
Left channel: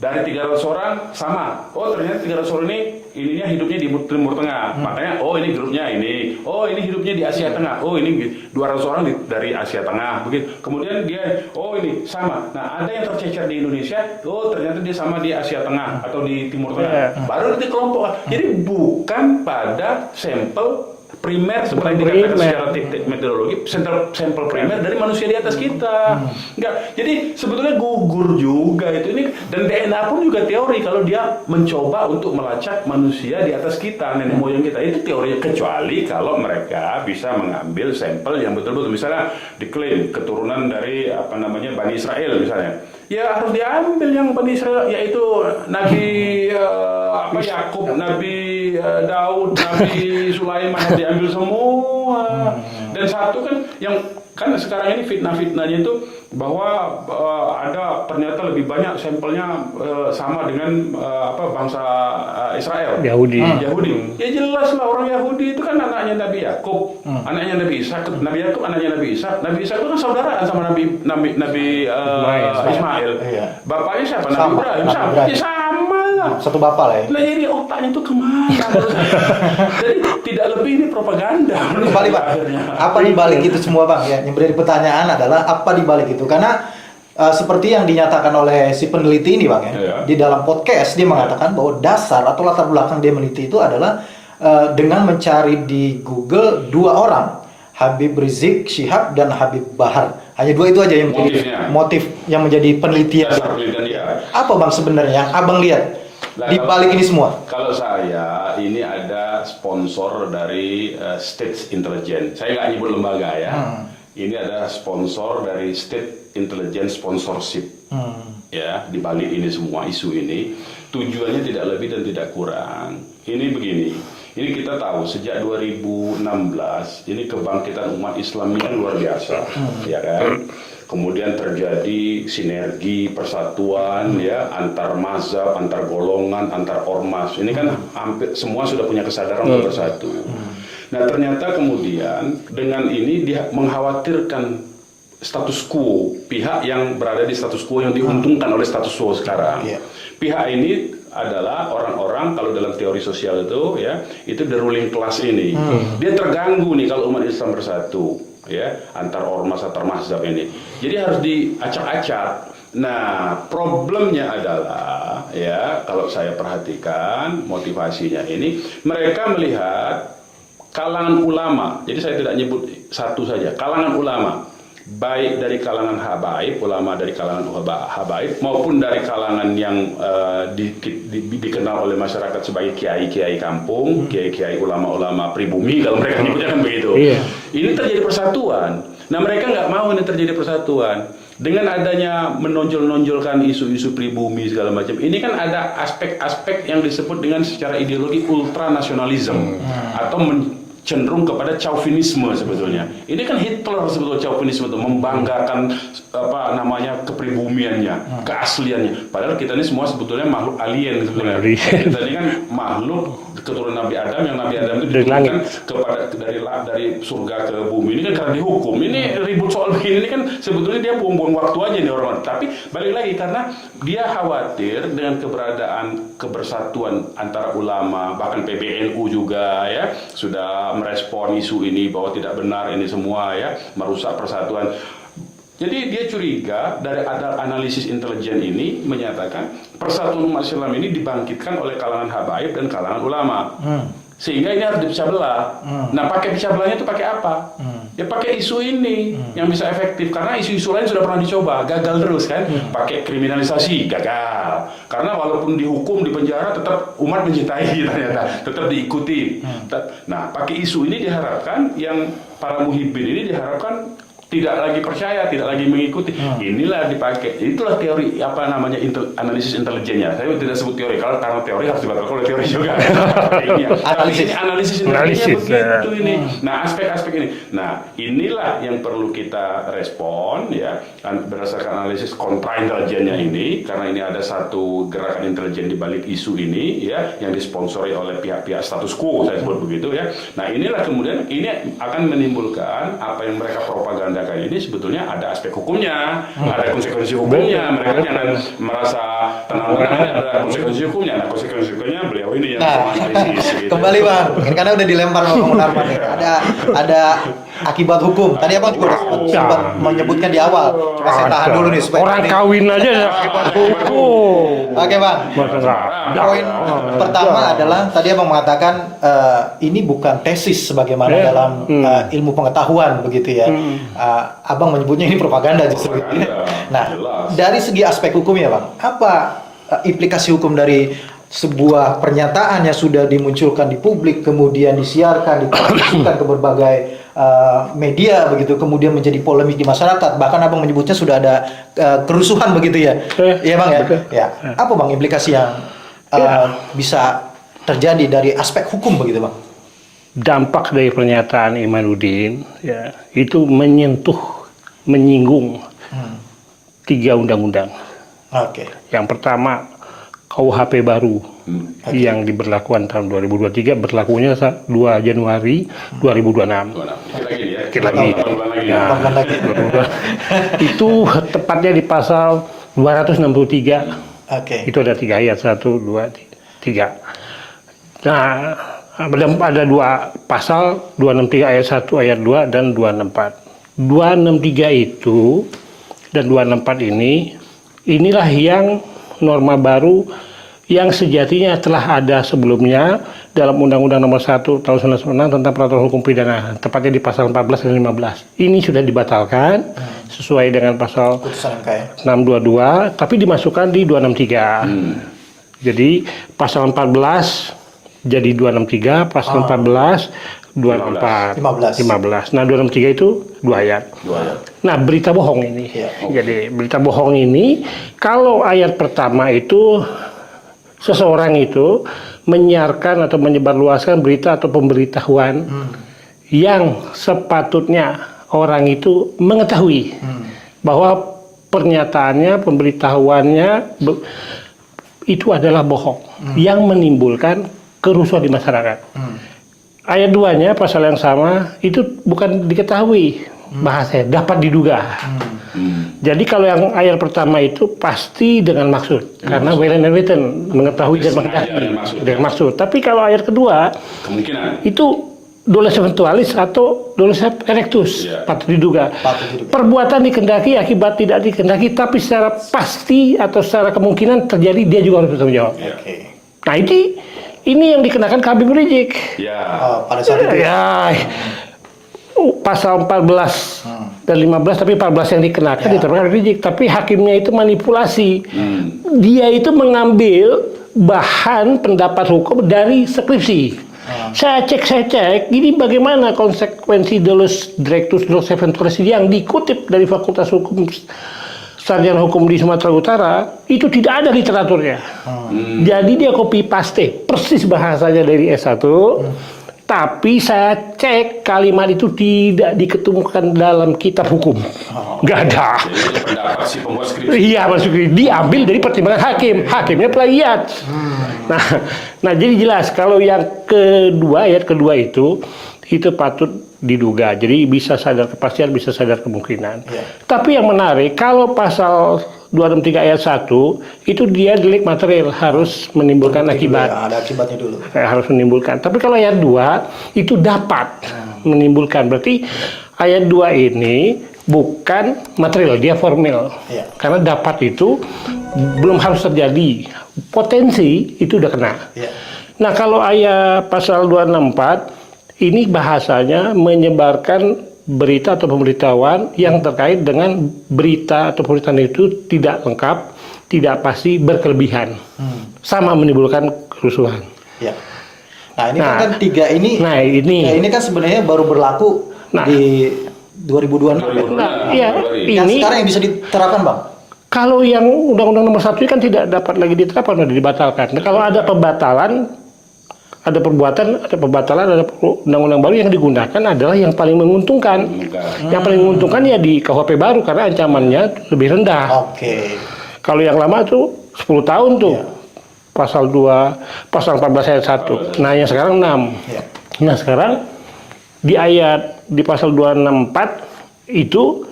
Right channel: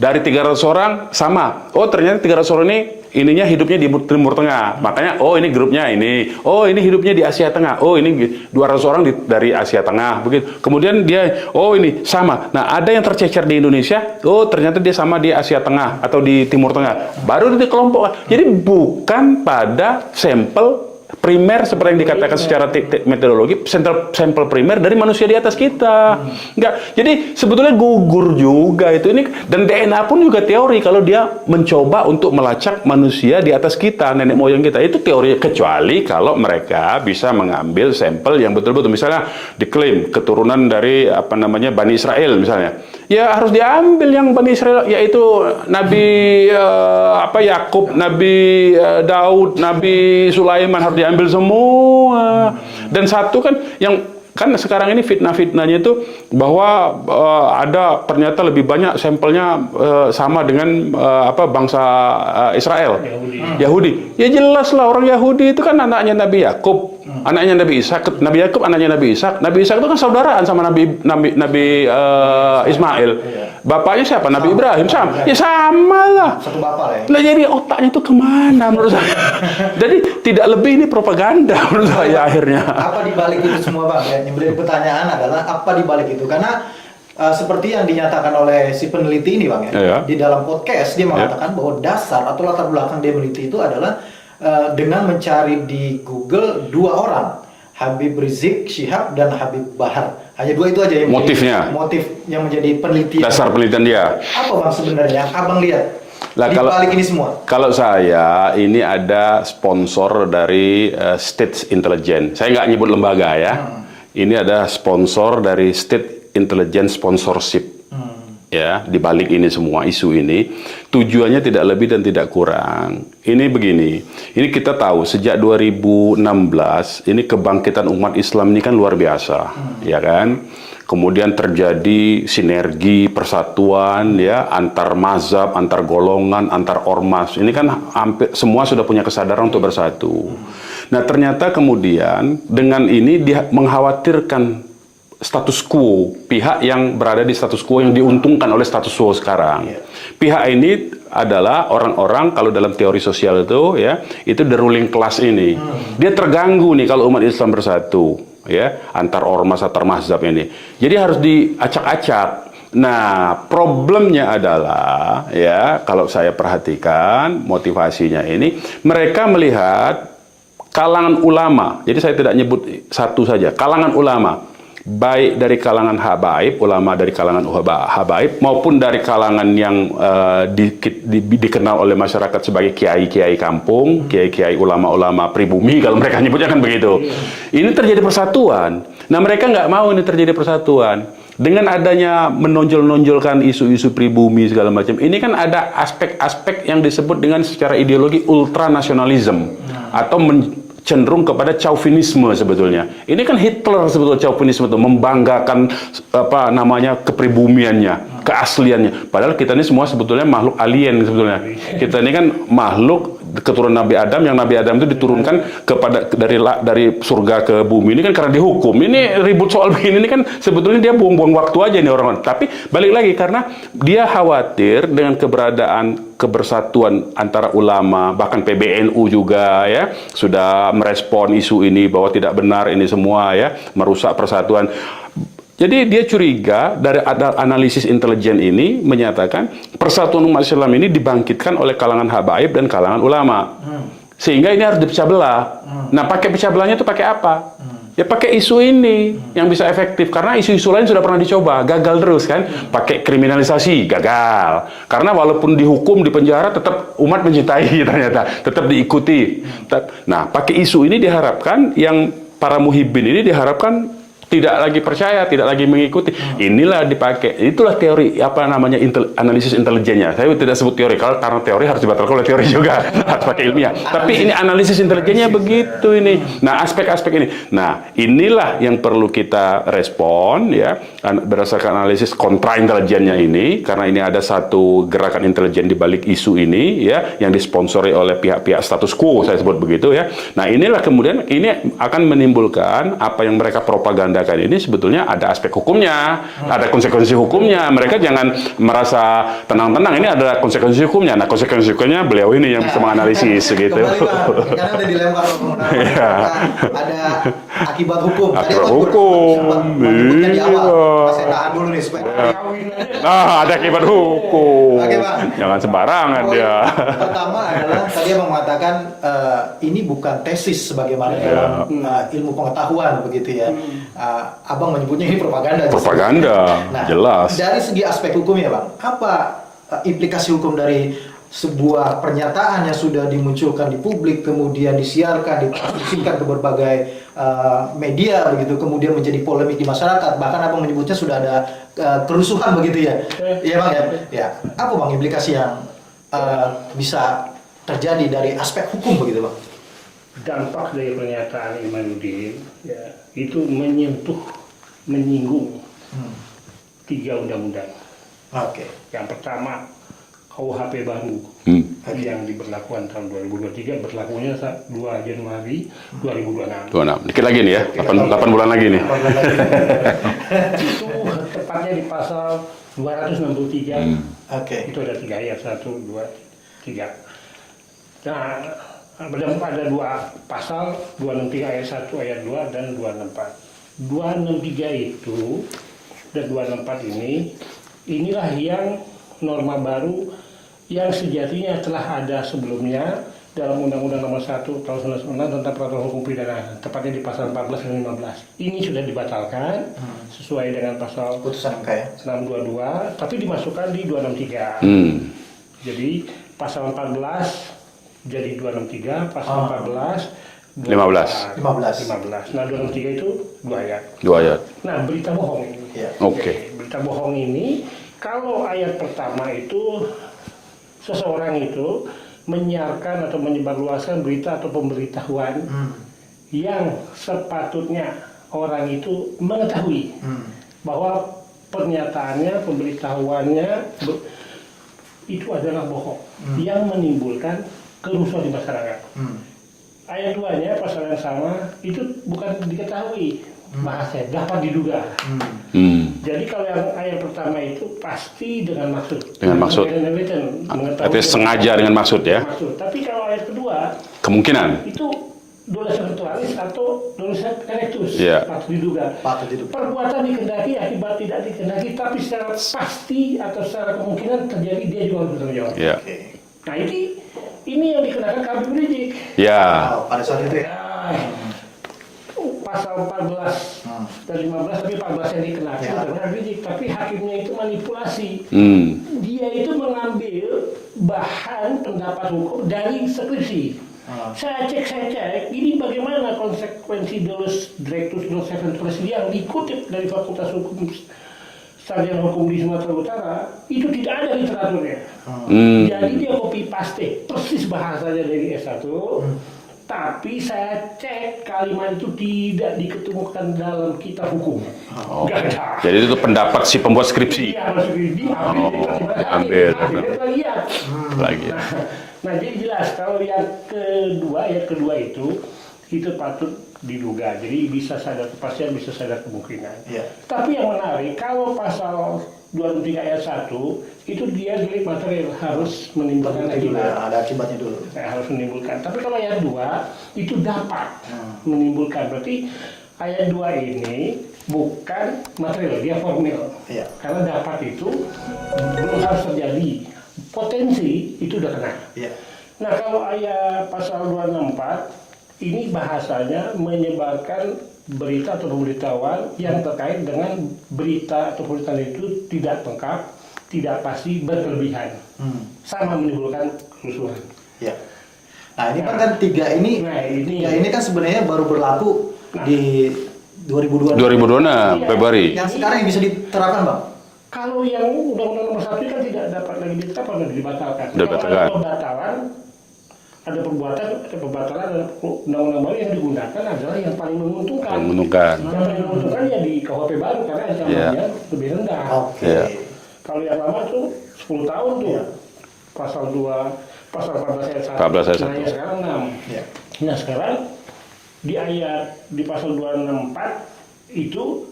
dari 300 orang sama. Oh ternyata 300 orang ininya hidupnya di Timur Tengah. Makanya oh ini grupnya ini. Oh ini hidupnya di Asia Tengah. Oh ini 200 orang dari Asia Tengah. Begitu. Kemudian dia oh ini sama. Nah, ada yang tercecer di Indonesia. Oh ternyata dia sama di Asia Tengah atau di Timur Tengah. Baru dikelompokkan. Jadi bukan pada sampel primer seperti yang dikatakan secara metodologi, sampel primer dari manusia di atas kita. Enggak. Jadi sebetulnya gugur juga itu ini, dan DNA pun juga teori kalau dia mencoba untuk melacak manusia di atas kita, nenek moyang kita. Itu teori, kecuali kalau mereka bisa mengambil sampel yang betul-betul misalnya diklaim keturunan dari Bani Israel misalnya. Ya harus diambil yang Bani Israel, yaitu Nabi Yakub, Nabi Daud, Nabi Sulaiman, harus diambil semua. Dan satu kan yang kan sekarang ini fitnah-fitnahnya itu bahwa ada ternyata lebih banyak sampelnya sama dengan bangsa Israel, Yahudi. Ya jelas lah, orang Yahudi itu kan anaknya Nabi Yakub, anaknya Nabi Ishak, Nabi Yakub anaknya Nabi Ishak. Nabi Ishak itu kan saudaraan sama Nabi Ismail. Bapaknya siapa? Nabi Ibrahim. Sama. Ya sama lah. Satu bapak lah ya. Nah, jadi otaknya itu kemana menurut saya? Jadi tidak lebih ini propaganda menurut saya akhirnya. Apa dibalik itu semua Bang? Ya, yang menjadi pertanyaan adalah apa dibalik itu? Karena seperti yang dinyatakan oleh si peneliti ini Bang ya, di dalam podcast dia mengatakan bahwa dasar atau latar belakang dia meneliti itu adalah dengan mencari di Google 2 orang, Habib Rizik Syihab dan Habib Bahar. Hanya 2 itu aja yang motif yang menjadi penelitian. Dasar penelitian dia. Apa Bang sebenarnya Abang lihat di balik ini semua? Kalau saya ini ada sponsor dari State Intelligence. Saya nggak nyebut lembaga ya. Ini ada sponsor dari State Intelligence Sponsorship. Ya, di balik ini semua isu ini tujuannya tidak lebih dan tidak kurang. Ini begini. Ini kita tahu sejak 2016 ini kebangkitan umat Islam ini kan luar biasa, ya kan? Kemudian terjadi sinergi, persatuan ya antar mazhab, antar golongan, antar ormas. Ini kan hampir semua sudah punya kesadaran untuk bersatu. Nah, ternyata kemudian dengan ini dia mengkhawatirkan status quo, pihak yang berada di status quo yang diuntungkan oleh status quo sekarang. Pihak ini adalah orang-orang kalau dalam teori sosial itu ya, itu the ruling class ini. Dia terganggu nih kalau umat Islam bersatu ya, antar ormas antar mazhab ini. Jadi harus diacak-acak. Nah, problemnya adalah ya, kalau saya perhatikan motivasinya ini, mereka melihat kalangan ulama. Jadi saya tidak nyebut satu saja, kalangan ulama. Baik dari kalangan habaib, ulama dari kalangan habaib, maupun dari kalangan yang dikenal oleh masyarakat sebagai kiai-kiai kampung, kiai-kiai ulama-ulama pribumi, kalau mereka nyebutnya kan begitu. Ini terjadi persatuan. Nah, mereka nggak mau ini terjadi persatuan. Dengan adanya menonjol-nonjolkan isu-isu pribumi segala macam, ini kan ada aspek-aspek yang disebut dengan secara ideologi ultranasionalisme atau cenderung kepada chauvinisme sebetulnya. Ini kan Hitler sebetulnya chauvinisme itu, membanggakan apa namanya kepribumiannya, keasliannya. Padahal kita ini semua sebetulnya makhluk alien sebetulnya. Kita ini kan makhluk keturunan Nabi Adam, yang Nabi Adam itu diturunkan kepada dari surga ke bumi. Ini kan karena dihukum. Ini ribut soal begini ini kan sebetulnya dia buang-buang waktu aja nih orang-orang. Tapi balik lagi karena dia khawatir dengan keberadaan kebersatuan antara ulama, bahkan PBNU juga ya sudah merespon isu ini bahwa tidak benar ini semua ya, merusak persatuan. Jadi dia curiga dari analisis intelijen ini menyatakan persatuan umat Islam ini dibangkitkan oleh kalangan habaib dan kalangan ulama. Sehingga ini harus dipecah belah. Nah, pakai pecah belahnya itu pakai apa? Ya pakai isu ini yang bisa efektif. Karena isu-isu lain sudah pernah dicoba, gagal terus kan. Pakai kriminalisasi, gagal. Karena walaupun dihukum, di penjara, tetap umat mencintai ternyata. Tetap diikuti. Nah, pakai isu ini diharapkan yang para muhibbin ini diharapkan tidak lagi percaya, tidak lagi mengikuti. Inilah dipakai. Itulah teori apa namanya analisis intelijennya. Saya tidak sebut teori karena teori harus dibatalkan oleh teori juga. Harus pakai ilmiah. Tapi ini analisis intelijennya begitu ini. Nah, aspek-aspek ini. Nah, inilah yang perlu kita respon ya berdasarkan analisis kontra intelijennya ini, karena ini ada satu gerakan intelijen di balik isu ini ya yang disponsori oleh pihak-pihak status quo, saya sebut begitu ya. Nah, inilah kemudian ini akan menimbulkan apa yang mereka propaganda ini sebetulnya ada aspek hukumnya, ada konsekuensi hukumnya. Mereka jangan merasa tenang-tenang, ini ada konsekuensi hukumnya. Nah, konsekuensi hukumnya beliau ini yang bisa menganalisis gitu. Kembali Bang, karena udah dilempar Bang Munarman. Ada akibat hukum. Tadi apa sempat menyebutkan di awal. Saya tahan dulu nih supaya orang kawin aja ada akibat hukum. Oke Bang. Jangan sembarang. Poin pertama adalah tadi Abang mengatakan ini bukan tesis sebagaimana dalam ilmu pengetahuan begitu ya. Abang menyebutnya ini propaganda. Propaganda, nah, jelas. Dari segi aspek hukumnya Bang, apa implikasi hukum dari sebuah pernyataan yang sudah dimunculkan di publik, kemudian disiarkan, ditransmisikan ke berbagai media begitu, kemudian menjadi polemik di masyarakat, bahkan Abang menyebutnya sudah ada kerusuhan begitu ya. Iya Bang ya. Ya. Apa Bang implikasi yang bisa terjadi dari aspek hukum begitu Bang? Dampak dari pernyataan Imanuddin ya itu menyinggung 3 undang-undang. Yang pertama KUHP baru yang diberlakukan tahun 2023, berlakunya 2 Januari 2026. Dikit lagi nih ya, 8 bulan lagi nih. Itu tepatnya di pasal 263. Itu ada 3 ayat, 1, 2, 3. Nah, ada 2 pasal, 263 ayat 1, ayat 2, dan 264. 263 itu dan 264 inilah yang norma baru yang sejatinya telah ada sebelumnya dalam Undang-Undang Nomor 1 Tahun 1996 tentang Peraturan Hukum Pidana, tepatnya di pasal 14 dan 15. Ini sudah dibatalkan sesuai dengan pasal 622, tapi dimasukkan di 263. Jadi pasal 14 jadi 263, pasal 14, 264, 15. Nah, 263 itu 2 ayat. Nah, berita bohong ini. Jadi, berita bohong ini, kalau ayat pertama itu, seseorang itu menyiarkan atau menyebarluaskan berita atau pemberitahuan yang sepatutnya orang itu mengetahui bahwa pernyataannya, pemberitahuannya itu adalah bohong yang menimbulkan kerusuhan di masyarakat. Ayat 2-nya pasal yang sama itu bukan diketahui bahasanya dapat diduga. Jadi kalau yang ayat pertama itu pasti dengan maksud, karena maksud. well and written, mengetahui Berarti sengaja dengan maksud, ya? dengan maksud. Tapi kalau ayat kedua Kemungkinan. itu dolus eventualis atau dolus erectus, Iya. patut diduga. Patut diduga. Perbuatan dikendaki akibat tidak dikendaki, tapi secara pasti atau secara kemungkinan terjadi, dia juga harus bertanggung jawab. Ya. Oke. Nah ini yang dikenakan Habib Rizik. Ya. Oh, pada saat itu. Ya, pasal 14 dan 15, tapi 14 yang dikenakan diterapkan Rizik, tapi hakimnya itu manipulasi. Dia itu mengambil bahan pendapat hukum dari skripsi. Saya cek, ini bagaimana konsekuensi dolus directus dolus eventualis yang dikutip dari Fakultas Hukum Sarjana Hukum di Sumatera Utara, itu tidak ada literaturnya. Jadi dia copy paste persis bahasanya dari S1. Tapi saya cek kalimat itu tidak diketemukan dalam kitab hukum. Nggak ada. Jadi itu pendapat si pembuat skripsi. Iya, maksudnya diambil dari pertimbangan hakim. Hakimnya plagiat. Nah, jadi jelas kalau yang kedua, ayat kedua itu patut diduga. Jadi bisa sadar kepastian, bisa sadar kemungkinan. Iya. Tapi yang menarik, kalau pasal 263 ayat 1 itu dia delik material, harus menimbulkan akibat. Ada akibatnya dulu. Harus menimbulkan. Tapi kalau ayat 2 itu dapat menimbulkan. Berarti ayat 2 ini bukan material, dia formil. Iya. Karena dapat itu belum harus terjadi. Potensi itu udah kena. Iya. Nah, kalau ayat pasal 264 ini bahasanya menyebarkan berita atau pemberitahuan yang terkait dengan berita atau pemberitaan itu tidak lengkap, tidak pasti, berkelebihan. Sama menimbulkan kerusuhan. Ya. Nah, ini kan tiga ini. Nah, ini kan sebenarnya baru berlaku di 2026. 2026 Iya, Februari. Yang ini sekarang yang bisa diterapkan, Bang? kalau yang Undang-Undang Nomor 1 kan tidak dapat lagi ditetapkan, sudah dibatalkan. Nah, kalau ada pembatalan, ada pembatalan, ada undang-undang baru yang digunakan adalah yang paling menguntungkan. Yang paling menguntungkan ya di KUHP baru karena ancamannya lebih rendah. Oke. Kalau yang lama tuh 10 tahun tuh. Pasal 14 ayat 1. Nah, yang sekarang 6. Iya. Nah, sekarang di pasal 264 itu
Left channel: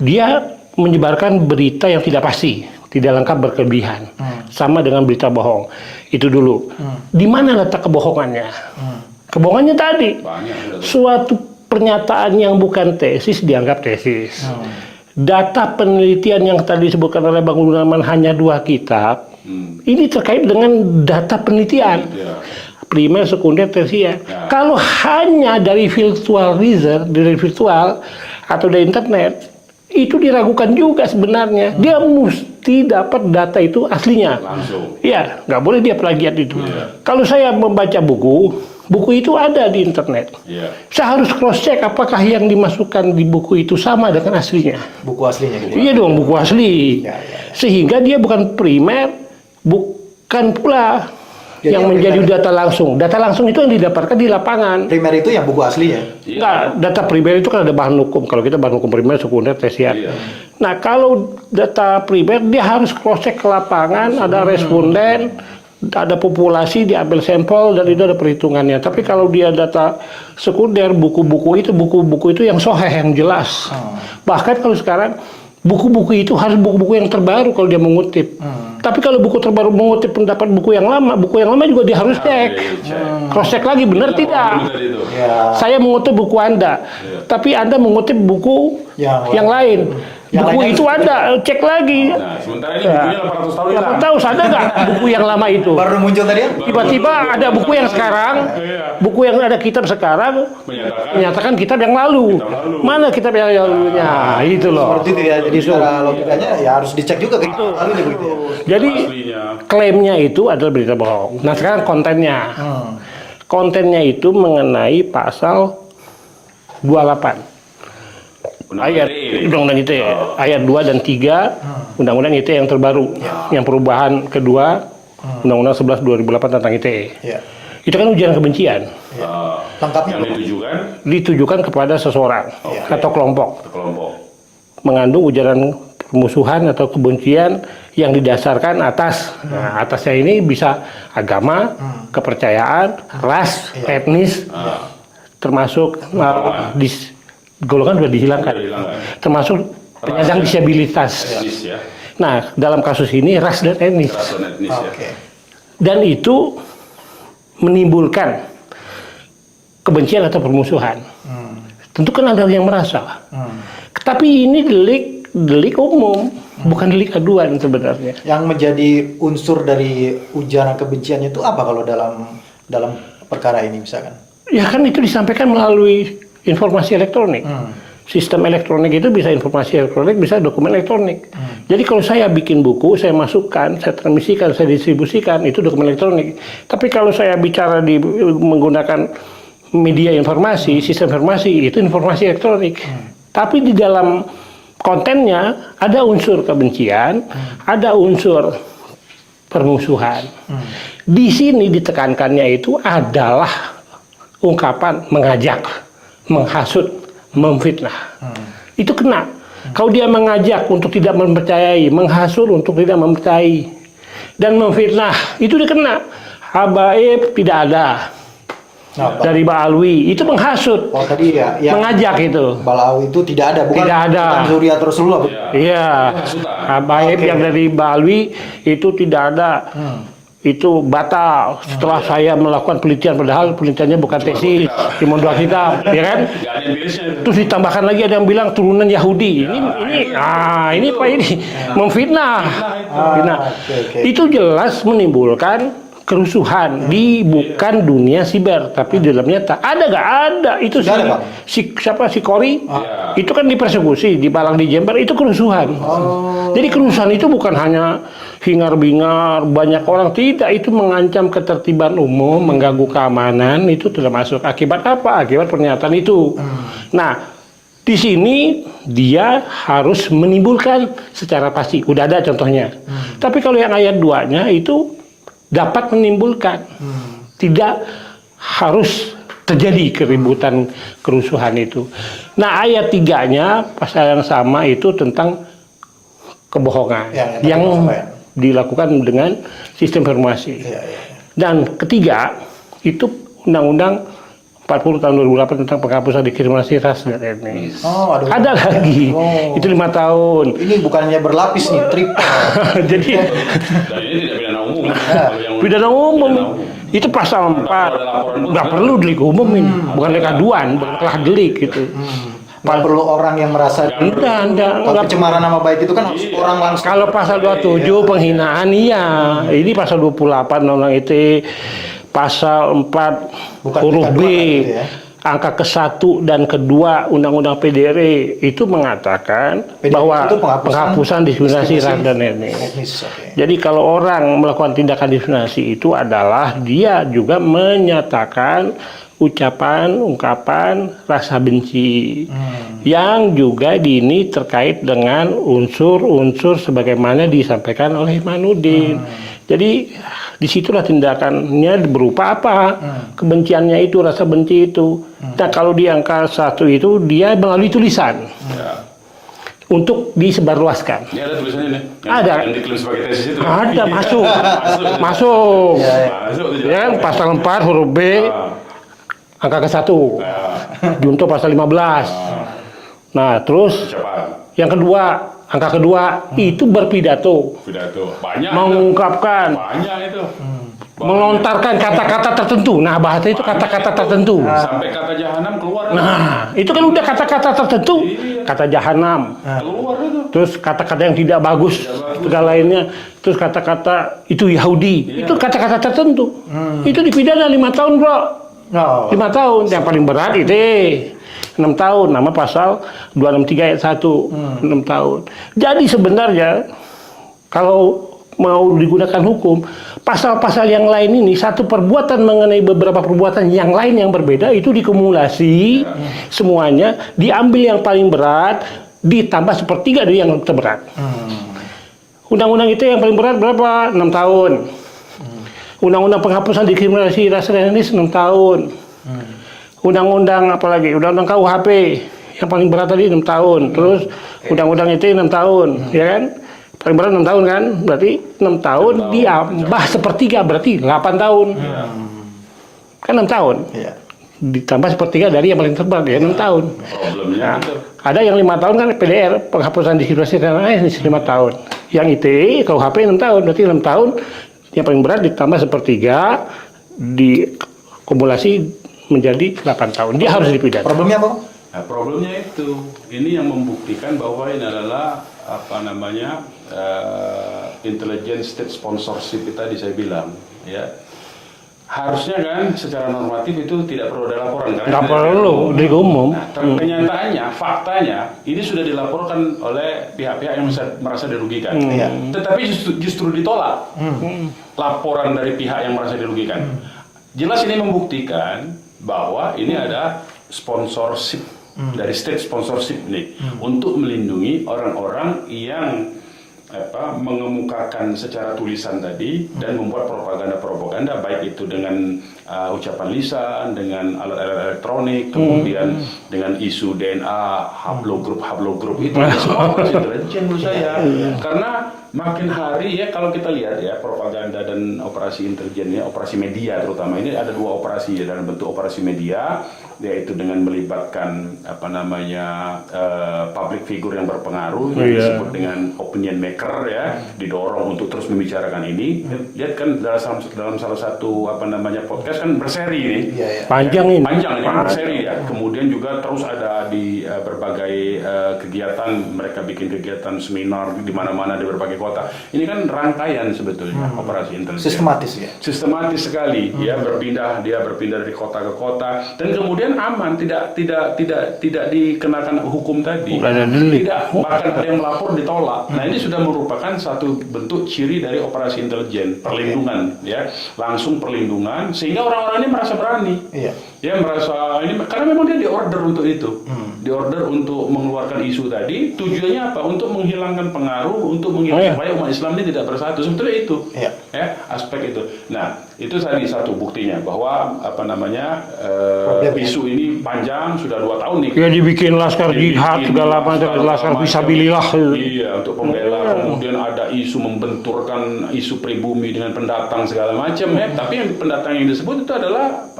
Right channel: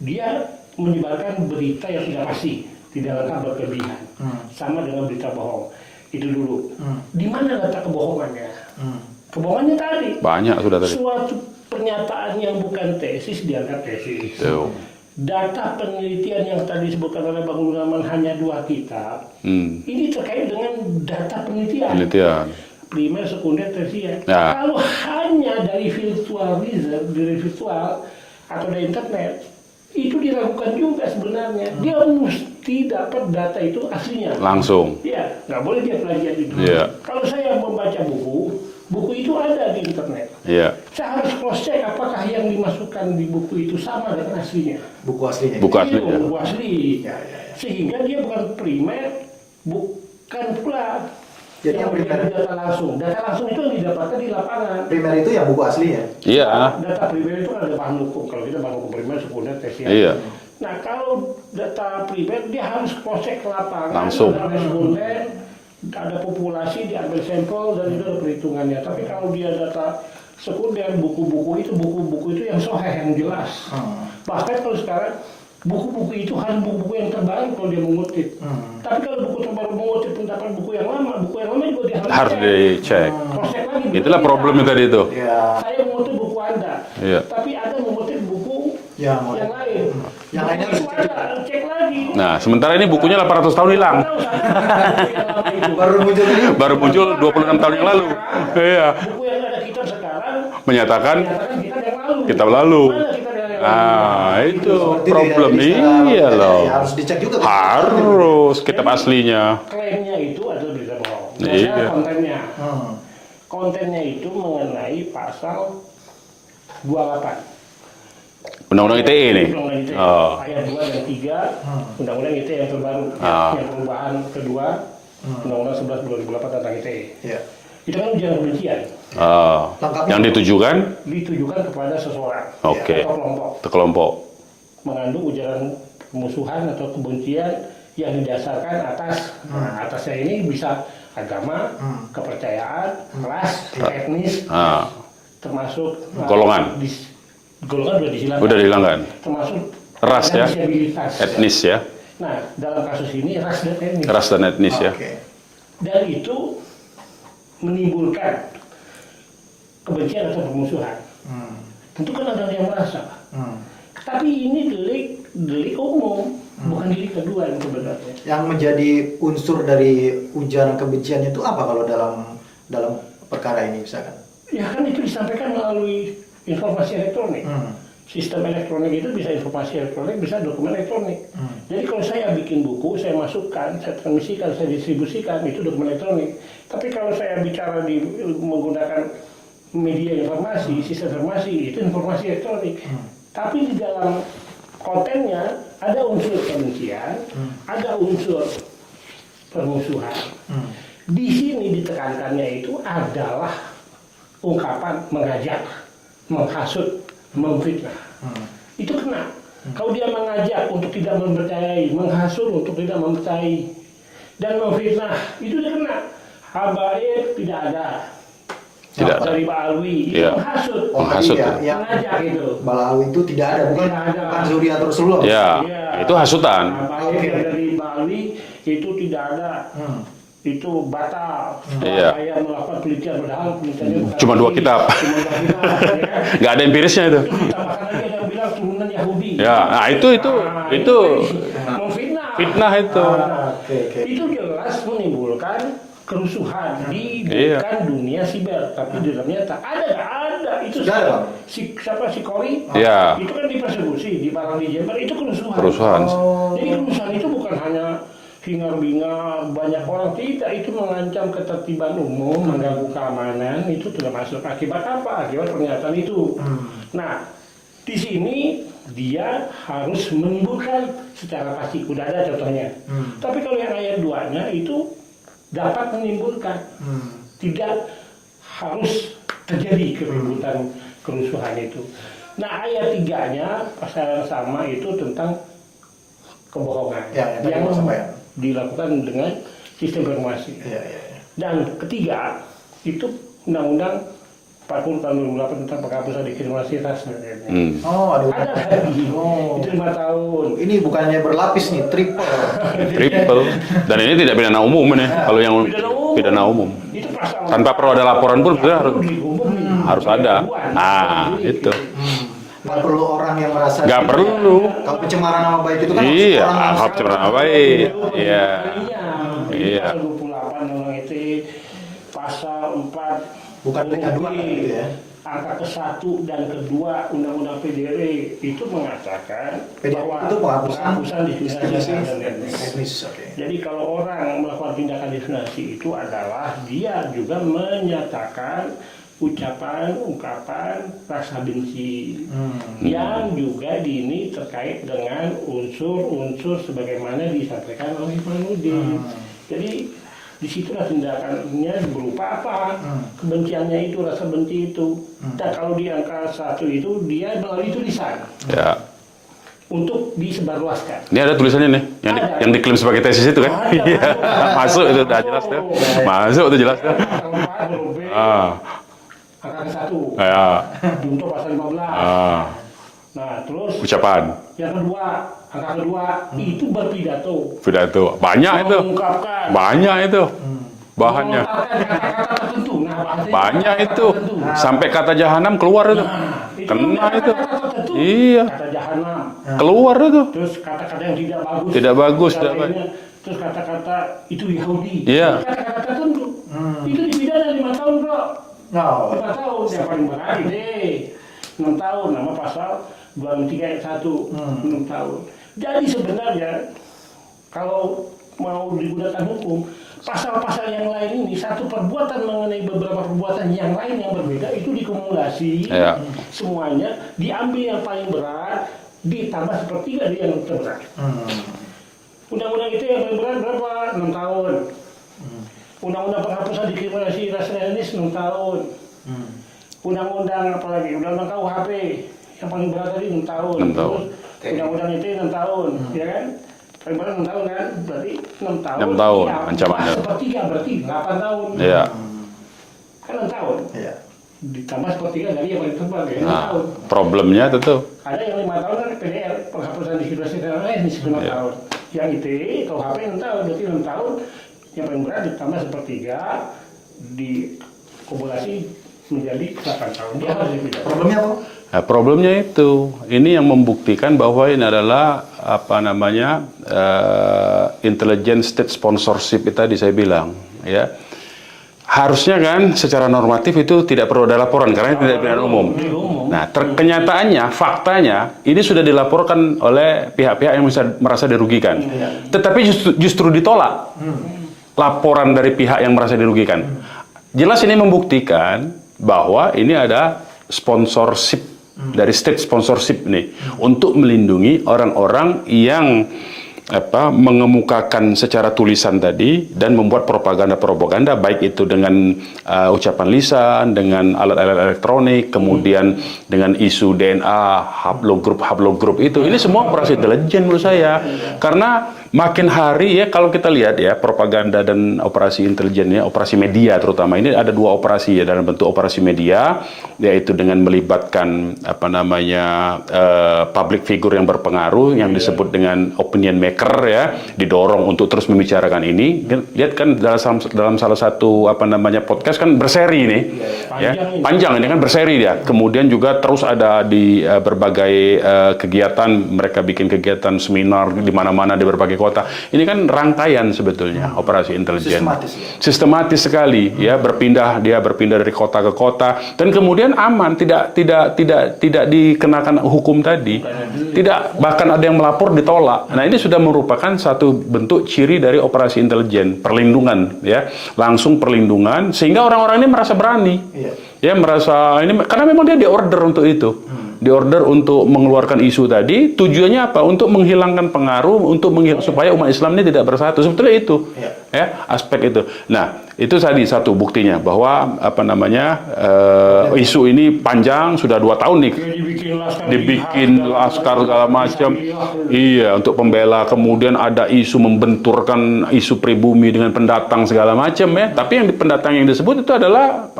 dia menyebarkan berita yang tidak pasti, tidak lengkap, berkelebihan. Sama dengan berita bohong. Itu dulu. Di mana letak kebohongannya? Kebohongannya tadi. Banyak sudah tadi. Suatu pernyataan yang bukan tesis dianggap tesis. Data penelitian yang tadi disebutkan oleh Bang Gunawan hanya 2 kitab. Ini terkait dengan data penelitian. Primer, sekunder, tersier. Ya. Kalau hanya dari virtual research, dari virtual atau dari internet, itu diragukan juga sebenarnya. Dia mesti dapat data itu aslinya. Langsung. Iya, nggak boleh dia plagiat itu. Iya. Kalau saya membaca buku itu ada di internet. Iya. Saya harus cross check apakah yang dimasukkan di buku itu sama dengan aslinya. Buku aslinya. Iya dong, buku asli. Ya. Sehingga dia bukan primer, bukan pula Jadi yang yang menjadi primer- data langsung. Data langsung itu yang didapatkan di lapangan. Primer itu yang buku asli ya? Iya. Nah, data primer itu kan ada bahan hukum. Kalau kita bahan hukum primer, sekunder, tersier. Iya. Nah, kalau data primer dia harus cross check ke lapangan, ada responden, ada populasi, diambil sampel dan itu ada perhitungannya. Tapi kalau dia data sekunder, buku-buku itu yang soheh, yang jelas. Bahkan kalau sekarang buku-buku itu harus buku-buku yang terbaru kalau dia mengutip. Tapi kalau buku terbaru mengutip pendapat buku yang lama juga dia harus cek. dicek. Cross check lagi, benar Itulah tidak? problem tadi itu. Ya. Saya mengutip buku Anda, Iya. tapi Anda mengutip buku yang lain. Yang Buku lainnya itu seperti Anda cek lagi. Nah, sementara ini bukunya 800 tahun hilang. Tahu sadar nggak buku yang lama itu? Baru muncul tadi? Baru Tiba-tiba muncul ada 26 buku yang tahun lalu. sekarang, Iya. buku yang ada kitab sekarang Menyatakan kitab yang lalu. Kitab lalu. Mana kitab yang lalunya? Itu loh. Seperti itu ya, jadi secara Iya logikanya dong. ya harus dicek juga gitu. harus kitab Jadi, aslinya. Klaimnya itu adalah berita bohong. Nah, Iya. sekarang kontennya. Kontennya itu mengenai pasal 28. Undang-undang ITE ini. Undang-Undang ITE. Oh. Ayat 2 dan 3 Undang-Undang ITE yang terbaru. Yang perubahan kedua Undang-Undang 11 2008 tentang ITE. Iya. Itu kan ujaran kebencian. Lengkapnya. Yang ditujukan Ditujukan kepada seseorang Oke. atau kelompok. kelompok. Mengandung ujaran permusuhan atau kebencian yang didasarkan atas. Nah, atasnya ini bisa agama, kepercayaan, ras, etnis, termasuk Golongan. golongan sudah dihilangkan. Udah dihilangkan. Termasuk Ras, penyandang ya? disabilitas. Etnis ya. Nah, dalam kasus ini ras dan etnis. Ras dan etnis ya. Oke. Dan itu menimbulkan kebencian atau permusuhan. Tentu kan ada yang merasa. Tapi ini delik umum, bukan delik aduan sebenarnya. Yang menjadi unsur dari ujaran kebencian itu apa kalau dalam perkara ini misalkan? Ya kan itu disampaikan melalui informasi elektronik. Sistem elektronik itu bisa informasi elektronik, bisa dokumen elektronik. Jadi kalau saya bikin buku, saya masukkan, saya transmisikan, saya distribusikan, itu dokumen elektronik. Tapi kalau saya bicara menggunakan media informasi, sistem informasi, itu informasi elektronik. Tapi di dalam kontennya ada unsur kebencian, ada unsur permusuhan. Di sini ditekankannya itu adalah ungkapan mengajak, menghasut, memfitnah. Itu kena. Kalau dia mengajak untuk tidak mempercayai, menghasut untuk tidak mempercayai, dan memfitnah, itu dikena. Habaib tidak ada. Dari Ba'alwi, itu menghasut. Mengajak itu. Ba'alwi itu tidak ada, bukan? Tidak ada. Bukan Zuriat Rasulullah. Iya. Itu hasutan. Habaib yang dari Ba'alwi itu tidak ada. Itu batal setelah saya melakukan penelitian, padahal penelitiannya bukan Cuma 2 kitab. Cuma 2 kitab, ya kan? Nggak ada empirisnya itu. Terus ditambahkan lagi ada yang bilang turunan Yahudi. Ini memfitnah. Fitnah itu. Nah, itu jelas menimbulkan kerusuhan di bukan dunia siber, tapi di dalamnya tak ada, nggak ada. Itu si Kori, itu kan dipersekusi, dibalang di Jember, itu kerusuhan. Jadi kerusuhan itu bukan hanya hingar-bingar banyak orang, tidak, itu mengancam ketertiban umum, mengganggu keamanan, itu termasuk. Akibat apa? Akibat pernyataan itu. Nah, di sini dia harus menimbulkan secara pasti. Udah ada contohnya. Tapi kalau yang ayat 2-nya itu dapat menimbulkan. Tidak harus terjadi keributan, kerusuhan itu. Nah, ayat 3-nya pasal yang sama itu tentang kebohongan yang dilakukan dengan sistem informasi. Dan ketiga, itu Undang-Undang 40 tahun 2008 tentang penghapusan diskriminasi ras dan etnis. Ada lagi. Itu 5 tahun. Ini bukannya berlapis nih, triple. Jadi dan ini tidak pidana umum nih. Kalau yang pidana umum. Itu pasal 4. Tanpa perlu ada laporan pun nggak perlu delik umum ini. Bukan delik aduan, bukan delik gitu. Nggak perlu orang yang merasa pencemaran nama baik itu kan orang langsung. Kalau pasal 27 penghinaan ini pasal 28 Undang-Undang ITE pasal 4 huruf B angka ke-1 dan ke-2 Undang-Undang PDRI itu mengatakan bahwa penghapusan diskriminasi ras dan etnis. Jadi kalau orang melakukan tindakan diskriminasi itu adalah dia juga menyatakan ucapan, ungkapan rasa benci yang juga ini terkait dengan unsur-unsur sebagaimana disampaikan oleh Imanuddin. Jadi disitulah tindakannya berupa apa? Kebenciannya itu, rasa benci itu. Nah, kalau di angka 1 itu dia melalui tulisan untuk disebarluaskan. Ini ada tulisannya nih, yang diklaim sebagai tesis itu kan? Ada, masuk itu jelas. Ya, pasal 4 huruf B angka ke-1 diuntuk pasal 15. Nah, terus ucapan yang kedua, angka kedua itu berpidato. Banyak mengungkapkan. Banyak itu. Melontarkan kata-kata tertentu. Nah, bahasa itu kata-kata tertentu. Sampai kata jahanam keluar itu. Nah, itu kan udah kata-kata tertentu. Kata jahanam. Keluar itu. Terus kata-kata yang tidak bagus. Dan lainnya. Terus kata-kata itu Yahudi. Itu kata-kata tertentu. Itu dipidana 5 tahun, bro. 5 tahun. Yang paling berat itu 6 tahun. Nama pasal 263 ayat 1. 6 tahun. Jadi sebenarnya kalau mau digunakan hukum, pasal-pasal yang lain ini satu perbuatan mengenai beberapa perbuatan yang lain yang berbeda itu dikumulasi, semuanya diambil yang paling berat, ditambah sepertiga dari yang terberat. Undang-undang itu yang paling berat berapa? 6 tahun. Undang-undang penghapusan diskriminasi ras dan etnis 6 tahun. Undang-undang apa lagi? Undang-undang KUHP yang paling berat tadi 6 tahun. Terus undang-undang itu 6 tahun, ya kan? Paling berat 6 tahun kan? Berarti 6 tahun diambah sepertiga berarti 8 tahun. Kan 6 tahun. ditambah sepertiga dari yang paling tebal ya 6 tahun. Problemnya tentu. Ada yang 5 tahun kan PDR, penghapusan diskusi dan lain-lain 5 tahun. Yang ITE KUHP 6 tahun, berarti 6 tahun yang paling berat ditambah sepertiga dikumulasi menjadi 8 tahun. Dia harus dipidana. Problemnya apa? Nah, problemnya itu, ini yang membuktikan bahwa ini adalah intelligent state sponsorship itu tadi saya bilang, ya. Harusnya kan secara normatif itu tidak perlu ada laporan karena Nggak perlu, delik umum. Nah, kenyataannya, faktanya ini sudah dilaporkan oleh pihak-pihak yang merasa dirugikan. Tetapi justru ditolak laporan dari pihak yang merasa dirugikan. Jelas ini membuktikan bahwa ini ada sponsorship dari state sponsorship nih untuk melindungi orang-orang yang mengemukakan secara tulisan tadi dan membuat propaganda baik itu dengan ucapan lisan, dengan alat-alat elektronik, kemudian dengan isu DNA, haplogroup itu ini semua operasi intelijen menurut saya. Karena makin hari ya kalau kita lihat ya propaganda dan operasi intelijen ya, operasi media terutama ini ada 2 operasi ya dalam bentuk operasi media, yaitu dengan melibatkan public figure yang berpengaruh yang disebut dengan opinion maker ya, didorong untuk terus membicarakan ini. Lihat kan dalam salah satu podcast kan berseri nih. Panjang ini kan berseri dia. Kemudian juga terus ada di berbagai kegiatan, mereka bikin kegiatan seminar di mana-mana di berbagai kota. Ini kan rangkaian sebetulnya operasi intelijen. Sistematis sekali ya, berpindah dari kota ke kota dan kemudian aman, tidak dikenakan hukum tadi. Tidak, bahkan ada yang melapor ditolak. Nah, ini sudah merupakan satu bentuk ciri dari operasi intelijen, perlindungan ya, langsung perlindungan sehingga orang-orang ini merasa berani. Ya, merasa ini karena memang dia diorder untuk itu. Diorder untuk mengeluarkan isu tadi, tujuannya apa? Untuk menghilangkan pengaruh, untuk supaya umat Islam ini tidak bersatu. Sebetulnya itu. Ya, aspek itu. Nah, itu tadi satu buktinya bahwa isu ini panjang sudah 2 tahun nih. Ya dibikin laskar jihad segala macam. Iya, untuk pembela. Kemudian ada isu membenturkan isu pribumi dengan pendatang segala macam ya. Tapi yang pendatang yang disebut itu adalah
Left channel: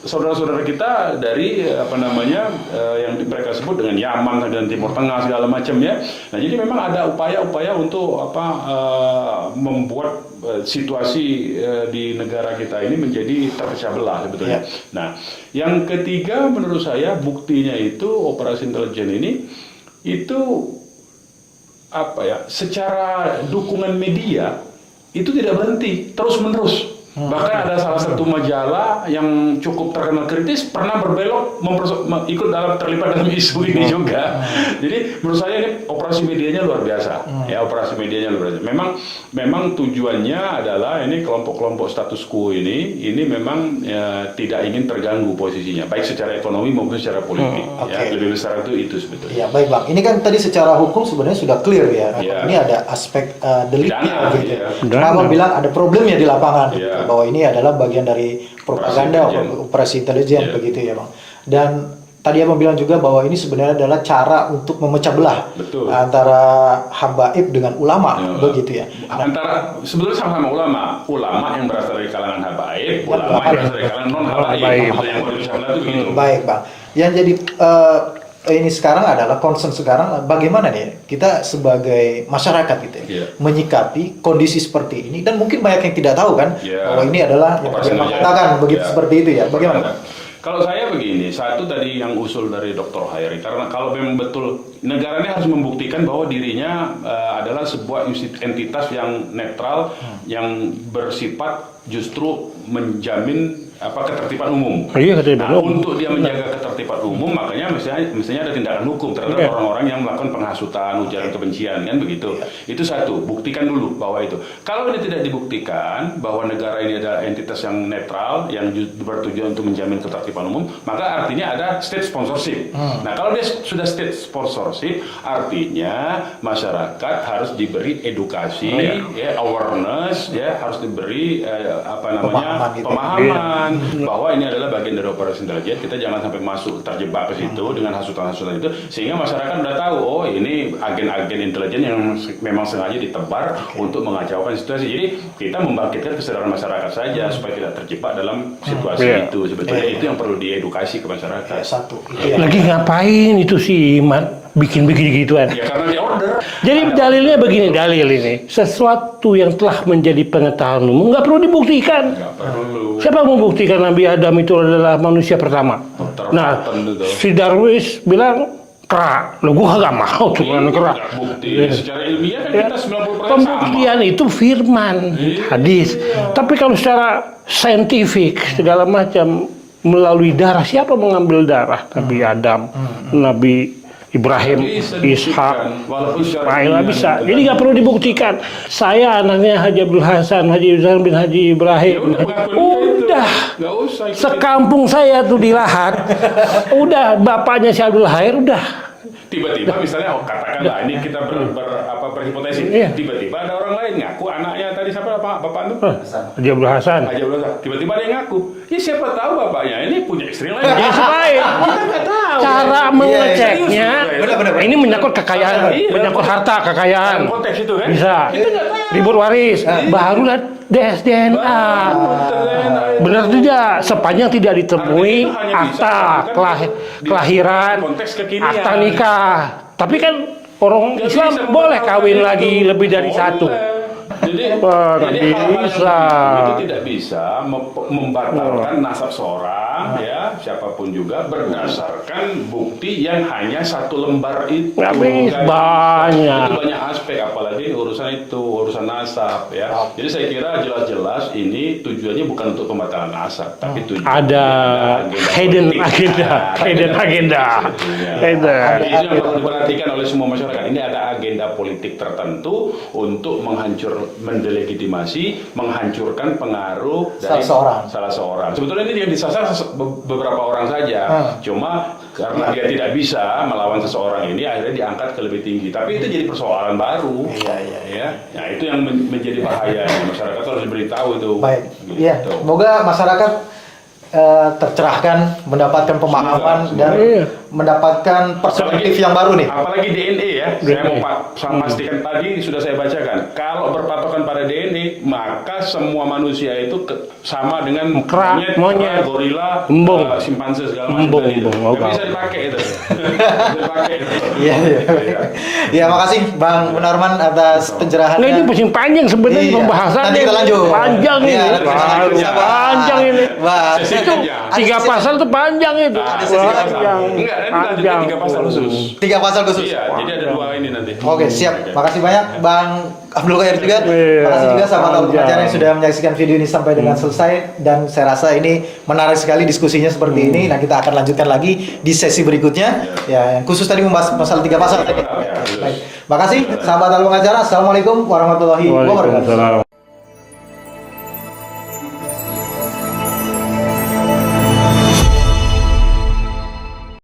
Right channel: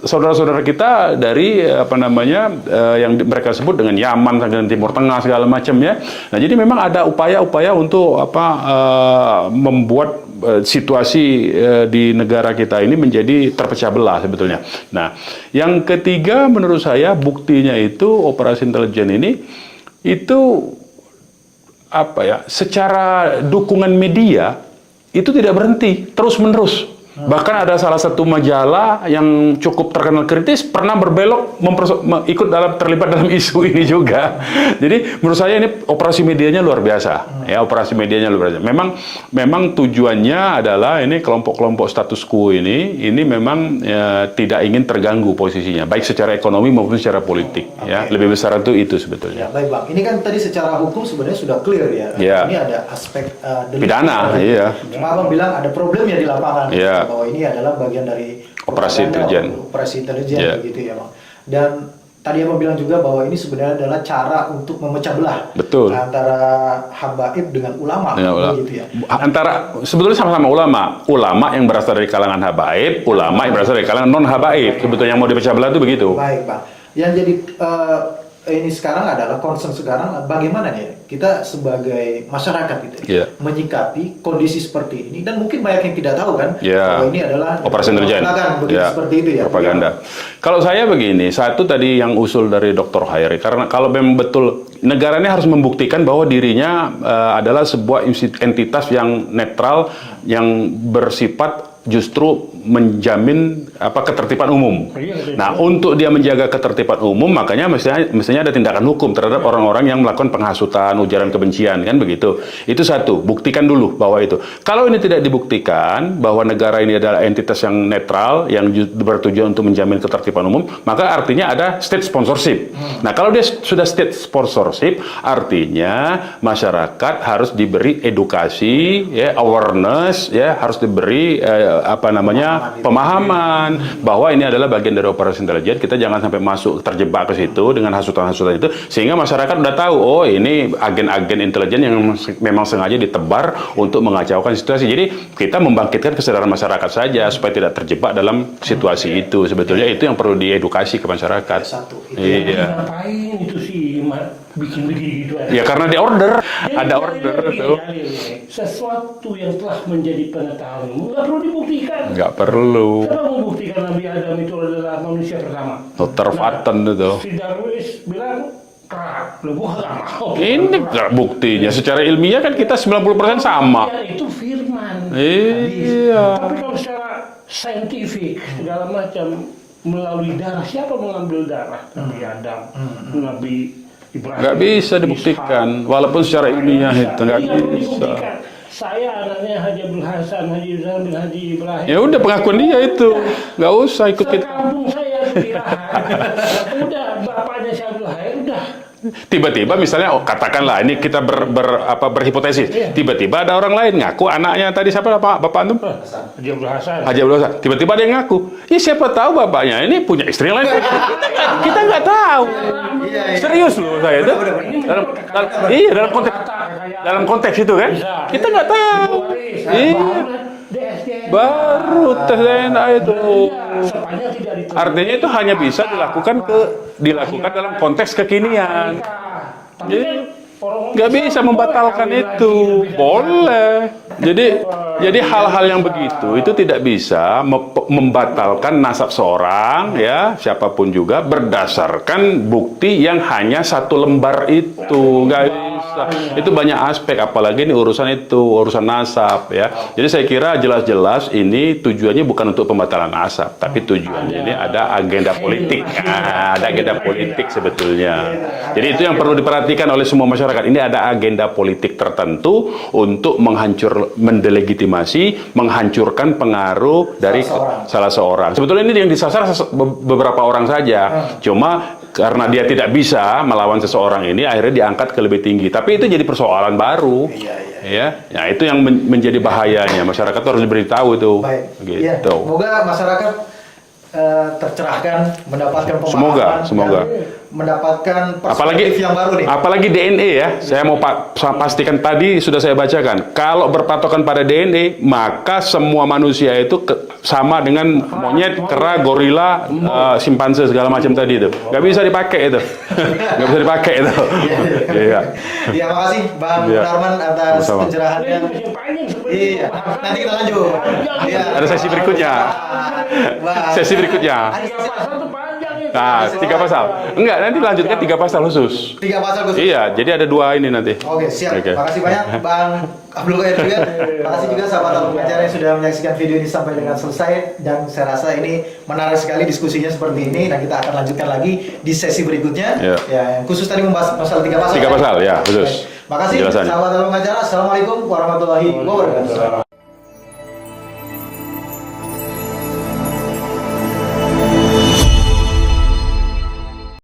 saudara-saudara kita dari yang mereka sebut dengan Yaman dan Timur Tengah segala macam ya. Nah, jadi memang ada upaya-upaya untuk membuat situasi di negara kita ini menjadi terpecah belah sebetulnya. Nah, yang ketiga menurut saya buktinya itu operasi intelijen ini itu secara dukungan media itu tidak berhenti, terus-menerus. Bahkan ada salah satu majalah yang cukup terkenal kritis pernah berbelok terlibat dalam isu ini juga. Jadi menurut saya ini operasi medianya luar biasa. Ya, operasi medianya luar biasa. Memang tujuannya adalah ini kelompok-kelompok status quo ini memang tidak ingin terganggu posisinya, baik secara ekonomi maupun secara politik. Ya, lebih besar itu sebetulnya. Ya, baik Bang. Ini kan tadi secara hukum sebenarnya sudah clear ya. Ini ada aspek delik pidana. Iya. Kenapa bilang ada problemnya di lapangan? Bahwa ini adalah bagian dari operasi intelijen begitu ya Bang. Dan tadi Abang bilang juga bahwa ini sebenarnya adalah cara untuk memecah belah antara habaib dengan ulama, begitu ya. Sebetulnya sama-sama ulama yang berasal dari kalangan habaib, ulama yang berasal dari kalangan non habaib. Betul, yang mau dipecah belah itu begitu. Baik Pak. Yang jadi ini sekarang adalah concern sekarang bagaimana nih kita sebagai masyarakat gitu ya, menyikapi kondisi seperti ini, dan mungkin banyak yang tidak tahu kan bahwa ini adalah operasi intelijen seperti itu ya. Propaganda. Kalau saya begini, satu tadi yang usul dari Dr. Hairi, karena kalau memang betul negara ini harus membuktikan bahwa dirinya adalah sebuah entitas yang netral, yang bersifat justru menjamin ketertiban umum. Nah, untuk dia menjaga ketertiban umum, makanya mestinya ada tindakan hukum terhadap orang-orang yang melakukan penghasutan, ujaran kebencian, kan begitu. Itu satu, buktikan dulu bahwa itu. Kalau ini tidak dibuktikan bahwa negara ini adalah entitas yang netral, yang bertujuan untuk menjamin ketertiban umum, maka artinya ada state sponsorship. Nah, kalau dia sudah state sponsorship, artinya masyarakat harus diberi edukasi, awareness, harus diberi pemahaman pertahanan bahwa ini adalah bagian dari operasi intelijen. Kita jangan sampai masuk terjebak ke situ dengan hasutan-hasutan itu, sehingga masyarakat udah tahu, oh ini agen-agen intelijen yang memang sengaja ditebar untuk mengacaukan situasi. Jadi kita membangkitkan kesadaran masyarakat saja supaya tidak terjebak dalam situasi itu. Sebetulnya itu yang perlu diedukasi ke masyarakat. Lagi ngapain itu si Iman bikin gituan? Ya karena di order. Jadi dalilnya begini, dalil ini sesuatu yang telah menjadi pengetahuan umum nggak perlu dibuktikan. Nggak perlu. Siapa membuktikan Nabi Adam itu adalah manusia pertama? Terpaten itu. Si Darwis bilang kera, lo gua nggak mau tuh Ini kera. nggak buktinya. Secara ilmiah kan kita 90% sama. Pembuktian itu firman, hadis. Tapi kalau secara saintifik segala macam melalui darah, siapa mengambil darah? Nabi Adam, Nabi Ibrahim, Nggak bisa dibuktikan, walaupun secara Ishak. ilmiah Bisa. itu Ini nggak perlu dibuktikan. Saya anaknya Haji Abdul Hasan, Haji Ibrahim bin Haji Ibrahim. Ya udah pengakuan dia itu, nggak usah ikut. Sekampung saya tuh di Lahat, udah bapaknya si Abdul Khair udah. Tiba-tiba misalnya, katakanlah ini kita berhipotesis. Tiba-tiba ada orang lain ngaku anaknya tadi siapa bapak antum? Haji Abdul Hasan. Haji Abdul Hasan. Tiba-tiba ada yang ngaku. Ya siapa tahu bapaknya ini punya istri lain. Kita nggak tahu. Cara mengeceknya, Benar-benar. ini menyangkut kekayaan, menyangkut harta kekayaan. Dalam konteks itu kan? Bisa. Kita nggak tahu. Ribut waris, baru tes DNA. Baru tes DNA itu. Benar tidak? Sepanjang tidak ditemui. Artinya itu hanya bisa dilakukan kelahiran, konteks kekinian. akta nikah. Tapi kan orang Nggak Islam bisa boleh membatalkan kawin itu. lagi lebih dari satu. Jadi hal-hal yang Bisa. begitu itu tidak bisa membatalkan nasab seorang ya siapapun juga berdasarkan bukti yang hanya satu lembar itu. Nggak bisa. Banyak. Itu banyak aspek, apalagi ini urusan nasab ya. Jadi saya kira jelas-jelas ini tujuannya bukan untuk pembatalan nasab, tapi tujuannya ada agenda hidden politik. agenda. Ada Hidden politik agenda. sebetulnya. Hidden. Jadi itu yang perlu diperhatikan oleh semua masyarakat. Ini ada agenda politik tertentu untuk mendelegitimasi, menghancurkan pengaruh dari salah seorang. Sebetulnya ini yang disasar beberapa orang saja. Cuma karena dia tidak bisa melawan seseorang ini, akhirnya diangkat ke lebih tinggi. Tapi itu jadi persoalan baru. Ya, itu yang menjadi bahayanya. Masyarakat harus diberitahu itu. Baik. Gitu. Ya, semoga masyarakat tercerahkan, mendapatkan pemahaman Semoga. dan mendapatkan perspektif yang baru nih. Apalagi DNA ya. Saya mau pastikan tadi sudah saya bacakan. Kalau berpatokan pada DNA, maka semua manusia itu sama dengan monyet, kera, gorila, simpanse segala macam tadi itu. Nggak bisa dipakai itu. Nggak bisa dipakai itu. Iya. Ya, makasih Bang Norman atas pencerahannya. Ini masih panjang sebenarnya pembahasan. Nanti kita lanjut. Panjang ini. Ada sesi berikutnya. Panjang ini. Sesi berikutnya. 3 pasal tuh panjang itu. 3 pasal. Enggak, nanti lanjutnya 3 pasal khusus. 3 pasal khusus. Iya, jadi ada 2 ini nanti. Oke, siap. Makasih banyak Bang Abdul Khair juga. Makasih juga sahabat acara yang sudah menyaksikan video ini sampai dengan selesai, dan saya rasa ini menarik sekali diskusinya seperti ini. Nah, kita akan lanjutkan lagi di sesi berikutnya. Ya, yang khusus tadi membahas pasal 3 pasal. 3 pasal ya, khusus. Makasih sahabat acara. Assalamualaikum warahmatullahi wabarakatuh.